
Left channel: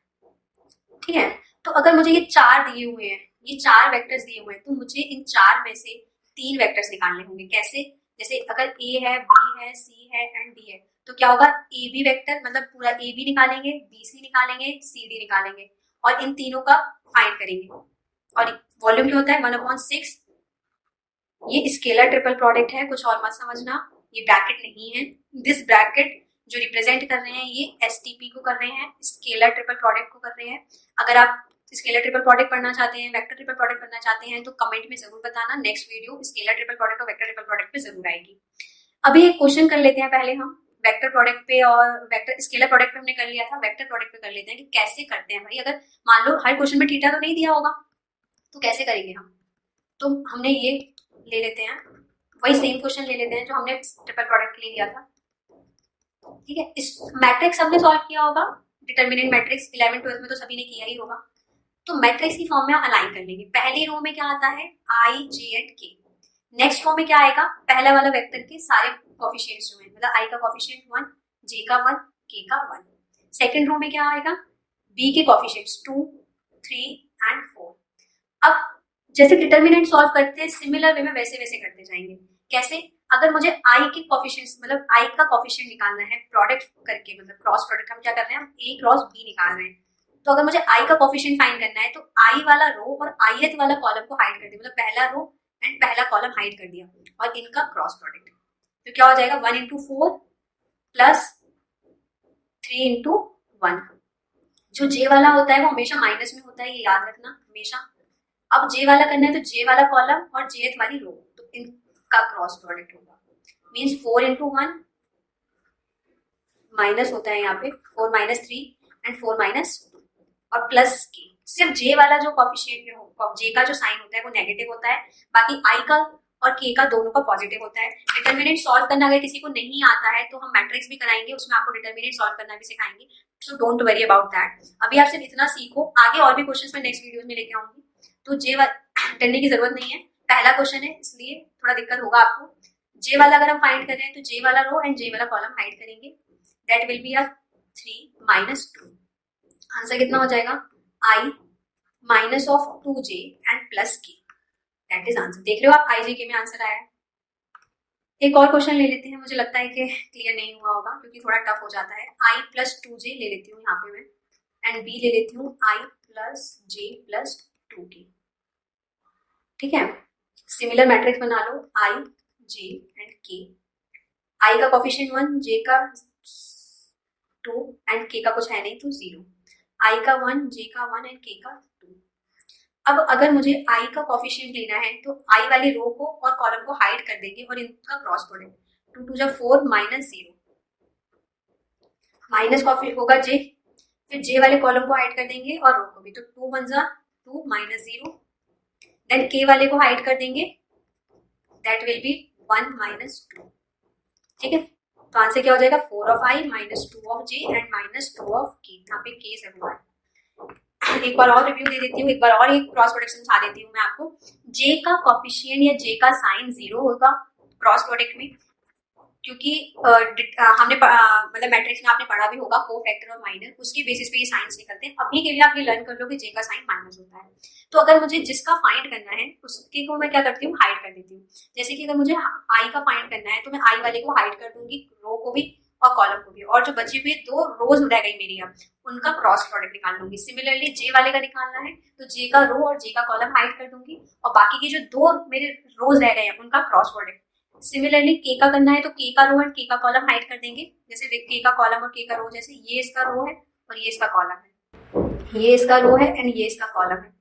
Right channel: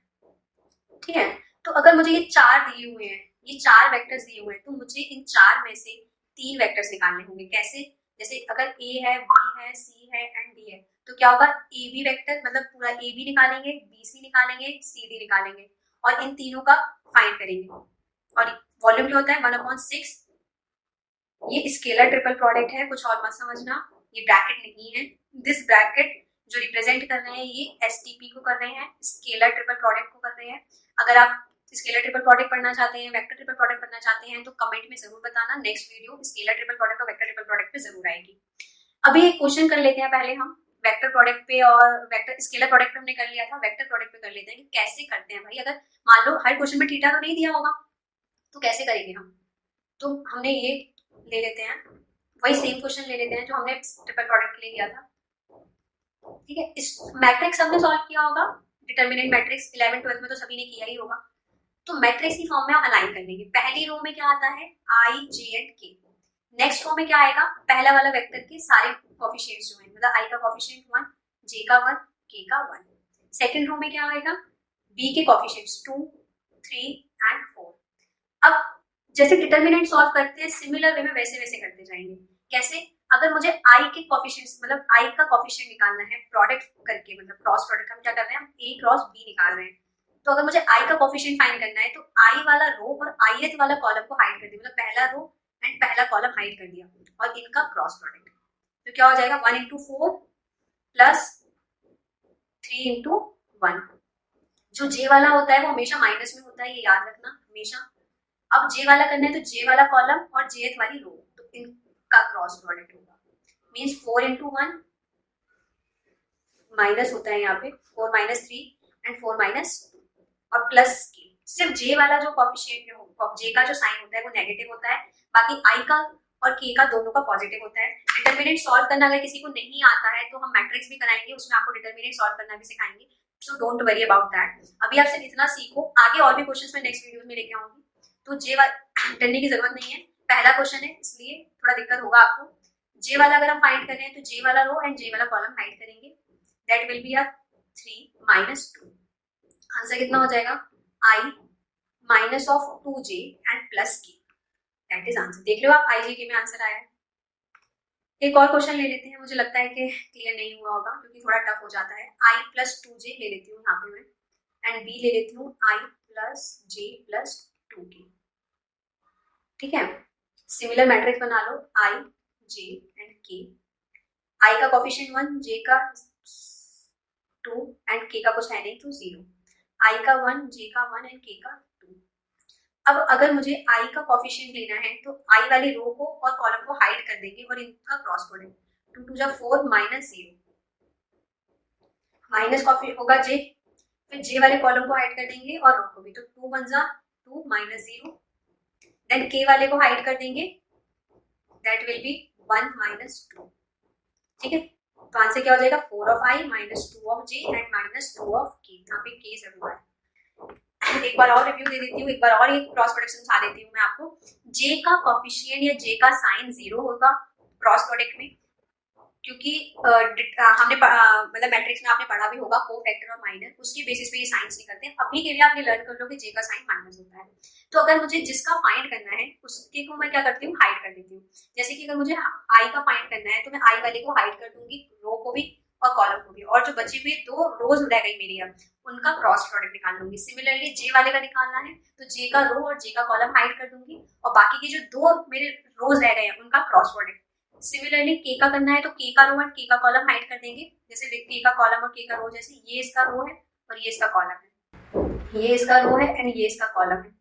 ठीक है। तो अगर मुझे ये चार दिए हुए हैं, ये चार वेक्टर्स दिए हुए हैं, तो मुझे इन चार में से तीन वेक्टर्स निकालने होंगे। कैसे? जैसे अगर ए है, बी है, सी है एंड डी है, तो क्या होगा, ए बी वेक्टर मतलब पूरा ए बी निकालेंगे, बी सी निकालेंगे, सी डी निकालेंगे और इन तीनों का फाइंड करेंगे। और वॉल्यूम क्या होता है 1/6। ये स्केलर ट्रिपल प्रोडक्ट है, कुछ और मत समझना, ये ब्रैकेट नहीं है। दिस ब्रैकेट जो रिप्रेजेंट कर रहे हैं ये एसटीपी को कर रहे हैं, स्केलर ट्रिपल प्रोडक्ट को कर रहे हैं। अगर आप स्केलर ट्रिपल प्रोडक्ट पढ़ना चाहते हैं, वेक्टर ट्रिपल प्रोडक्ट पढ़ना चाहते हैं, तो कमेंट में जरूर बताना। Next video scalar triple product और वेक्टर ट्रिपल प्रोडक्ट पे जरूर आएगी। अभी एक क्वेश्चन कर लेते हैं पहले हम वेक्टर प्रोडक्ट पे, और वेक्टर स्केलर प्रोडक्ट पे हमने कर लिया था, वेक्टर प्रोडक्ट पे कर लेते हैं कि कैसे करते हैं भाई। अगर मान लो हर क्वेश्चन में थीटा तो नहीं दिया होगा, तो कैसे करेंगे हम। तो हमने ये ले लेते हैं, वही सेम क्वेश्चन ले लेते हैं जो हमने ट्रिपल प्रोडक्ट के लिए लिया था, ठीक है। इस मैट्रिक्स हमने सॉल्व किया होगा, डिटर्मिनेंट मैट्रिक्स 11th 12th में तो सभी ने किया ही होगा। तो मैट्रिक्स की फॉर्म में हम अलाइन कर लेंगे। पहली रो में क्या आता है, आई जे एंड के। नेक्स्ट रो में क्या आएगा, पहला वाला वेक्टर के सारे कोफिशिएंट्स जो हैं, मतलब आई का कोफिशिएंट 1, जे का 1, के का 1। सेकंड रो में क्या आएगा, बी के कोफिशिएंट्स 2, 3 एंड 4। अब जैसे डिटर्मिनेंट सॉल्व करते हैं सिमिलर वे में वैसे वैसे करते जाएंगे। कैसे? अगर मुझे आई के कोफिशिएंट्स मतलब आई का कोफिशिएंट निकालना है प्रोडक्ट करके, मतलब क्रॉस प्रोडक्ट, हम क्या कर रहे हैं, हम ए क्रॉस बी निकाल रहे हैं। तो अगर मुझे आई का कोफिशिएंट फाइंड करना है तो आई वाला रो और आईएथ वाला कॉलम को हाइड कर दिया, मतलब पहला रो एंड पहला कॉलम हाइड कर दिया और इनका क्रॉस प्रोडक्ट। तो क्या हो जाएगा 1 into 4 प्लस 3 into 1। जो जे वाला होता है वो हमेशा माइनस में होता है, ये याद रखना हमेशा। अब जे वाला करना है तो जे वाला कॉलम और जेथ वाली रो, तो इनका क्रॉस प्रोडक्ट होगा। मींस 4 into 1 माइनस होता है यहाँ पे 4 minus 3 एंड 4 minus 2 और प्लस के। सिर्फ जे वाला जो कोफिशिएंट हो, जे का जो साइन होता है वो नेगेटिव होता है, बाकी आई का और के का दोनों का पॉजिटिव होता है। डिटर्मिनेंट सॉल्व करना अगर किसी को नहीं आता है तो हम मैट्रिक्स भी कराएंगे, उसमें आपको डिटर्मिनेंट सॉल्व करना भी सिखाएंगे। So don't worry about that. अभी आप सिर्फ इतना सीखो, आगे और भी क्वेश्चंस मैं नेक्स्ट वीडियोस में लेके आऊंगी, तो जे करने की जरूरत नहीं है। पहला क्वेश्चन है इसलिए थोड़ा दिक्कत होगा आपको। जे वाला अगर हम फाइंड कर रहे हैं तो जे वाला रो एंड जे वाला कॉलम हाइड करेंगे, that will be 3 minus 2। Answer कितना हो जाएगा, i minus of 2j and plus K, that is answer. देख लो आप, आई जे के में आंसर आया है। एक और क्वेश्चन ले लेते हैं, मुझे लगता है कि क्लियर नहीं हुआ होगा क्योंकि थोड़ा टफ हो जाता है। आई प्लस 2j ले लेती हूँ यहाँ पे मैं, एंड बी ले लेती हूँ आई प्लस जे प्लस 2k, ठीक है। सिमिलर मैट्रिक्स बना लो, आई जे एंड के। आई का कोफिशिएंट 1, जे का 2 एंड के का कुछ है नहीं तो 0। आई का 1, जे का 1 एंड के का 2। अब अगर मुझे आई का कोफिशिएंट लेना है तो आई वाली रो को और कॉलम को हाइड कर देंगे और इनका cross product 2 2 4 minus 0, minus coffee होगा जे, फिर जे वाले कॉलम को हाइड कर देंगे और रो को भी, तो 2 1 2 माइनस 0। देन के वाले को हाइड कर देंगे, दैट विल बी 1 minus 2, ठीक है। तो आंसर क्या हो जाएगा, 4 of i minus 2 of j and minus 2 of k। यहाँ पे k जरूर है। एक बार और रिव्यू दे देती हूँ, एक बार और एक क्रॉस प्रोडक्ट समझा देती हूँ मैं आपको। j का कोफिशिएंट या j का साइन 0 होगा क्रॉस प्रोडक्ट में, क्योंकि हमने मतलब मैट्रिक्स में आपने पढ़ा भी होगा कोफैक्टर और माइनर, उसकी बेसिस पे ये साइंस निकलते हैं। अभी के लिए आप ये लर्न कर लो कि जे का साइन माइनस होता है। तो अगर मुझे जिसका फाइंड करना है उसके को मैं क्या करती हूँ, हाइड कर देती हूँ। जैसे कि अगर मुझे आई का फाइंड करना है तो मैं आई वाले को हाइड कर दूंगी, रो को भी और कॉलम को भी, और जो बची हुई 2 रोज रह गई मेरी अब उनका क्रॉस प्रोडक्ट निकाल लूंगी। सिमिलरली जे वाले का निकालना है तो जे का रो और जे का कॉलम हाइड कर दूंगी और बाकी के जो 2 मेरे रोज रह गए हैं उनका क्रॉस प्रोडक्ट। सिमिलरली के का करना है तो के का रो एंड के का कॉलम हाइड कर देंगे। जैसे के का कॉलम और के का रो, जैसे ये इसका रो है और ये इसका कॉलम है, ये इसका रो है एंड ये इसका कॉलम है,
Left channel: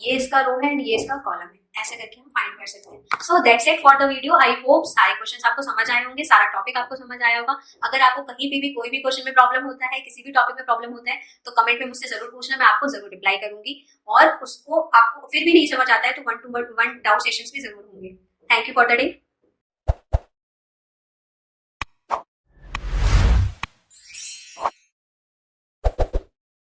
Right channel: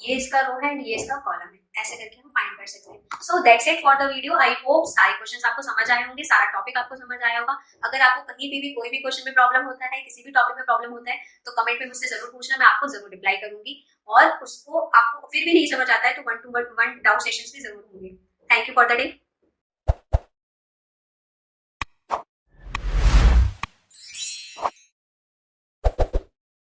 ये इसका रो है एंड ये इसका कॉलम है। ऐसे करके हम फाइंड कर सकते हैं। So that's it for the video. I hope सारे क्वेश्चंस आपको समझ आए होंगे, सारा टॉपिक आपको समझ आया होगा। अगर आपको कहीं भी कोई भी क्वेश्चन में प्रॉब्लम होता है, किसी भी टॉपिक में प्रॉब्लम होता है, तो कमेंट में मुझसे जरूर पूछना, मैं आपको जरूर रिप्लाई करूंगी। और उसको आपको फिर भी नहीं समझ आता है तो 1-to-1 डाउट सेशंस भी जरूर होंगे। Thank you for the day.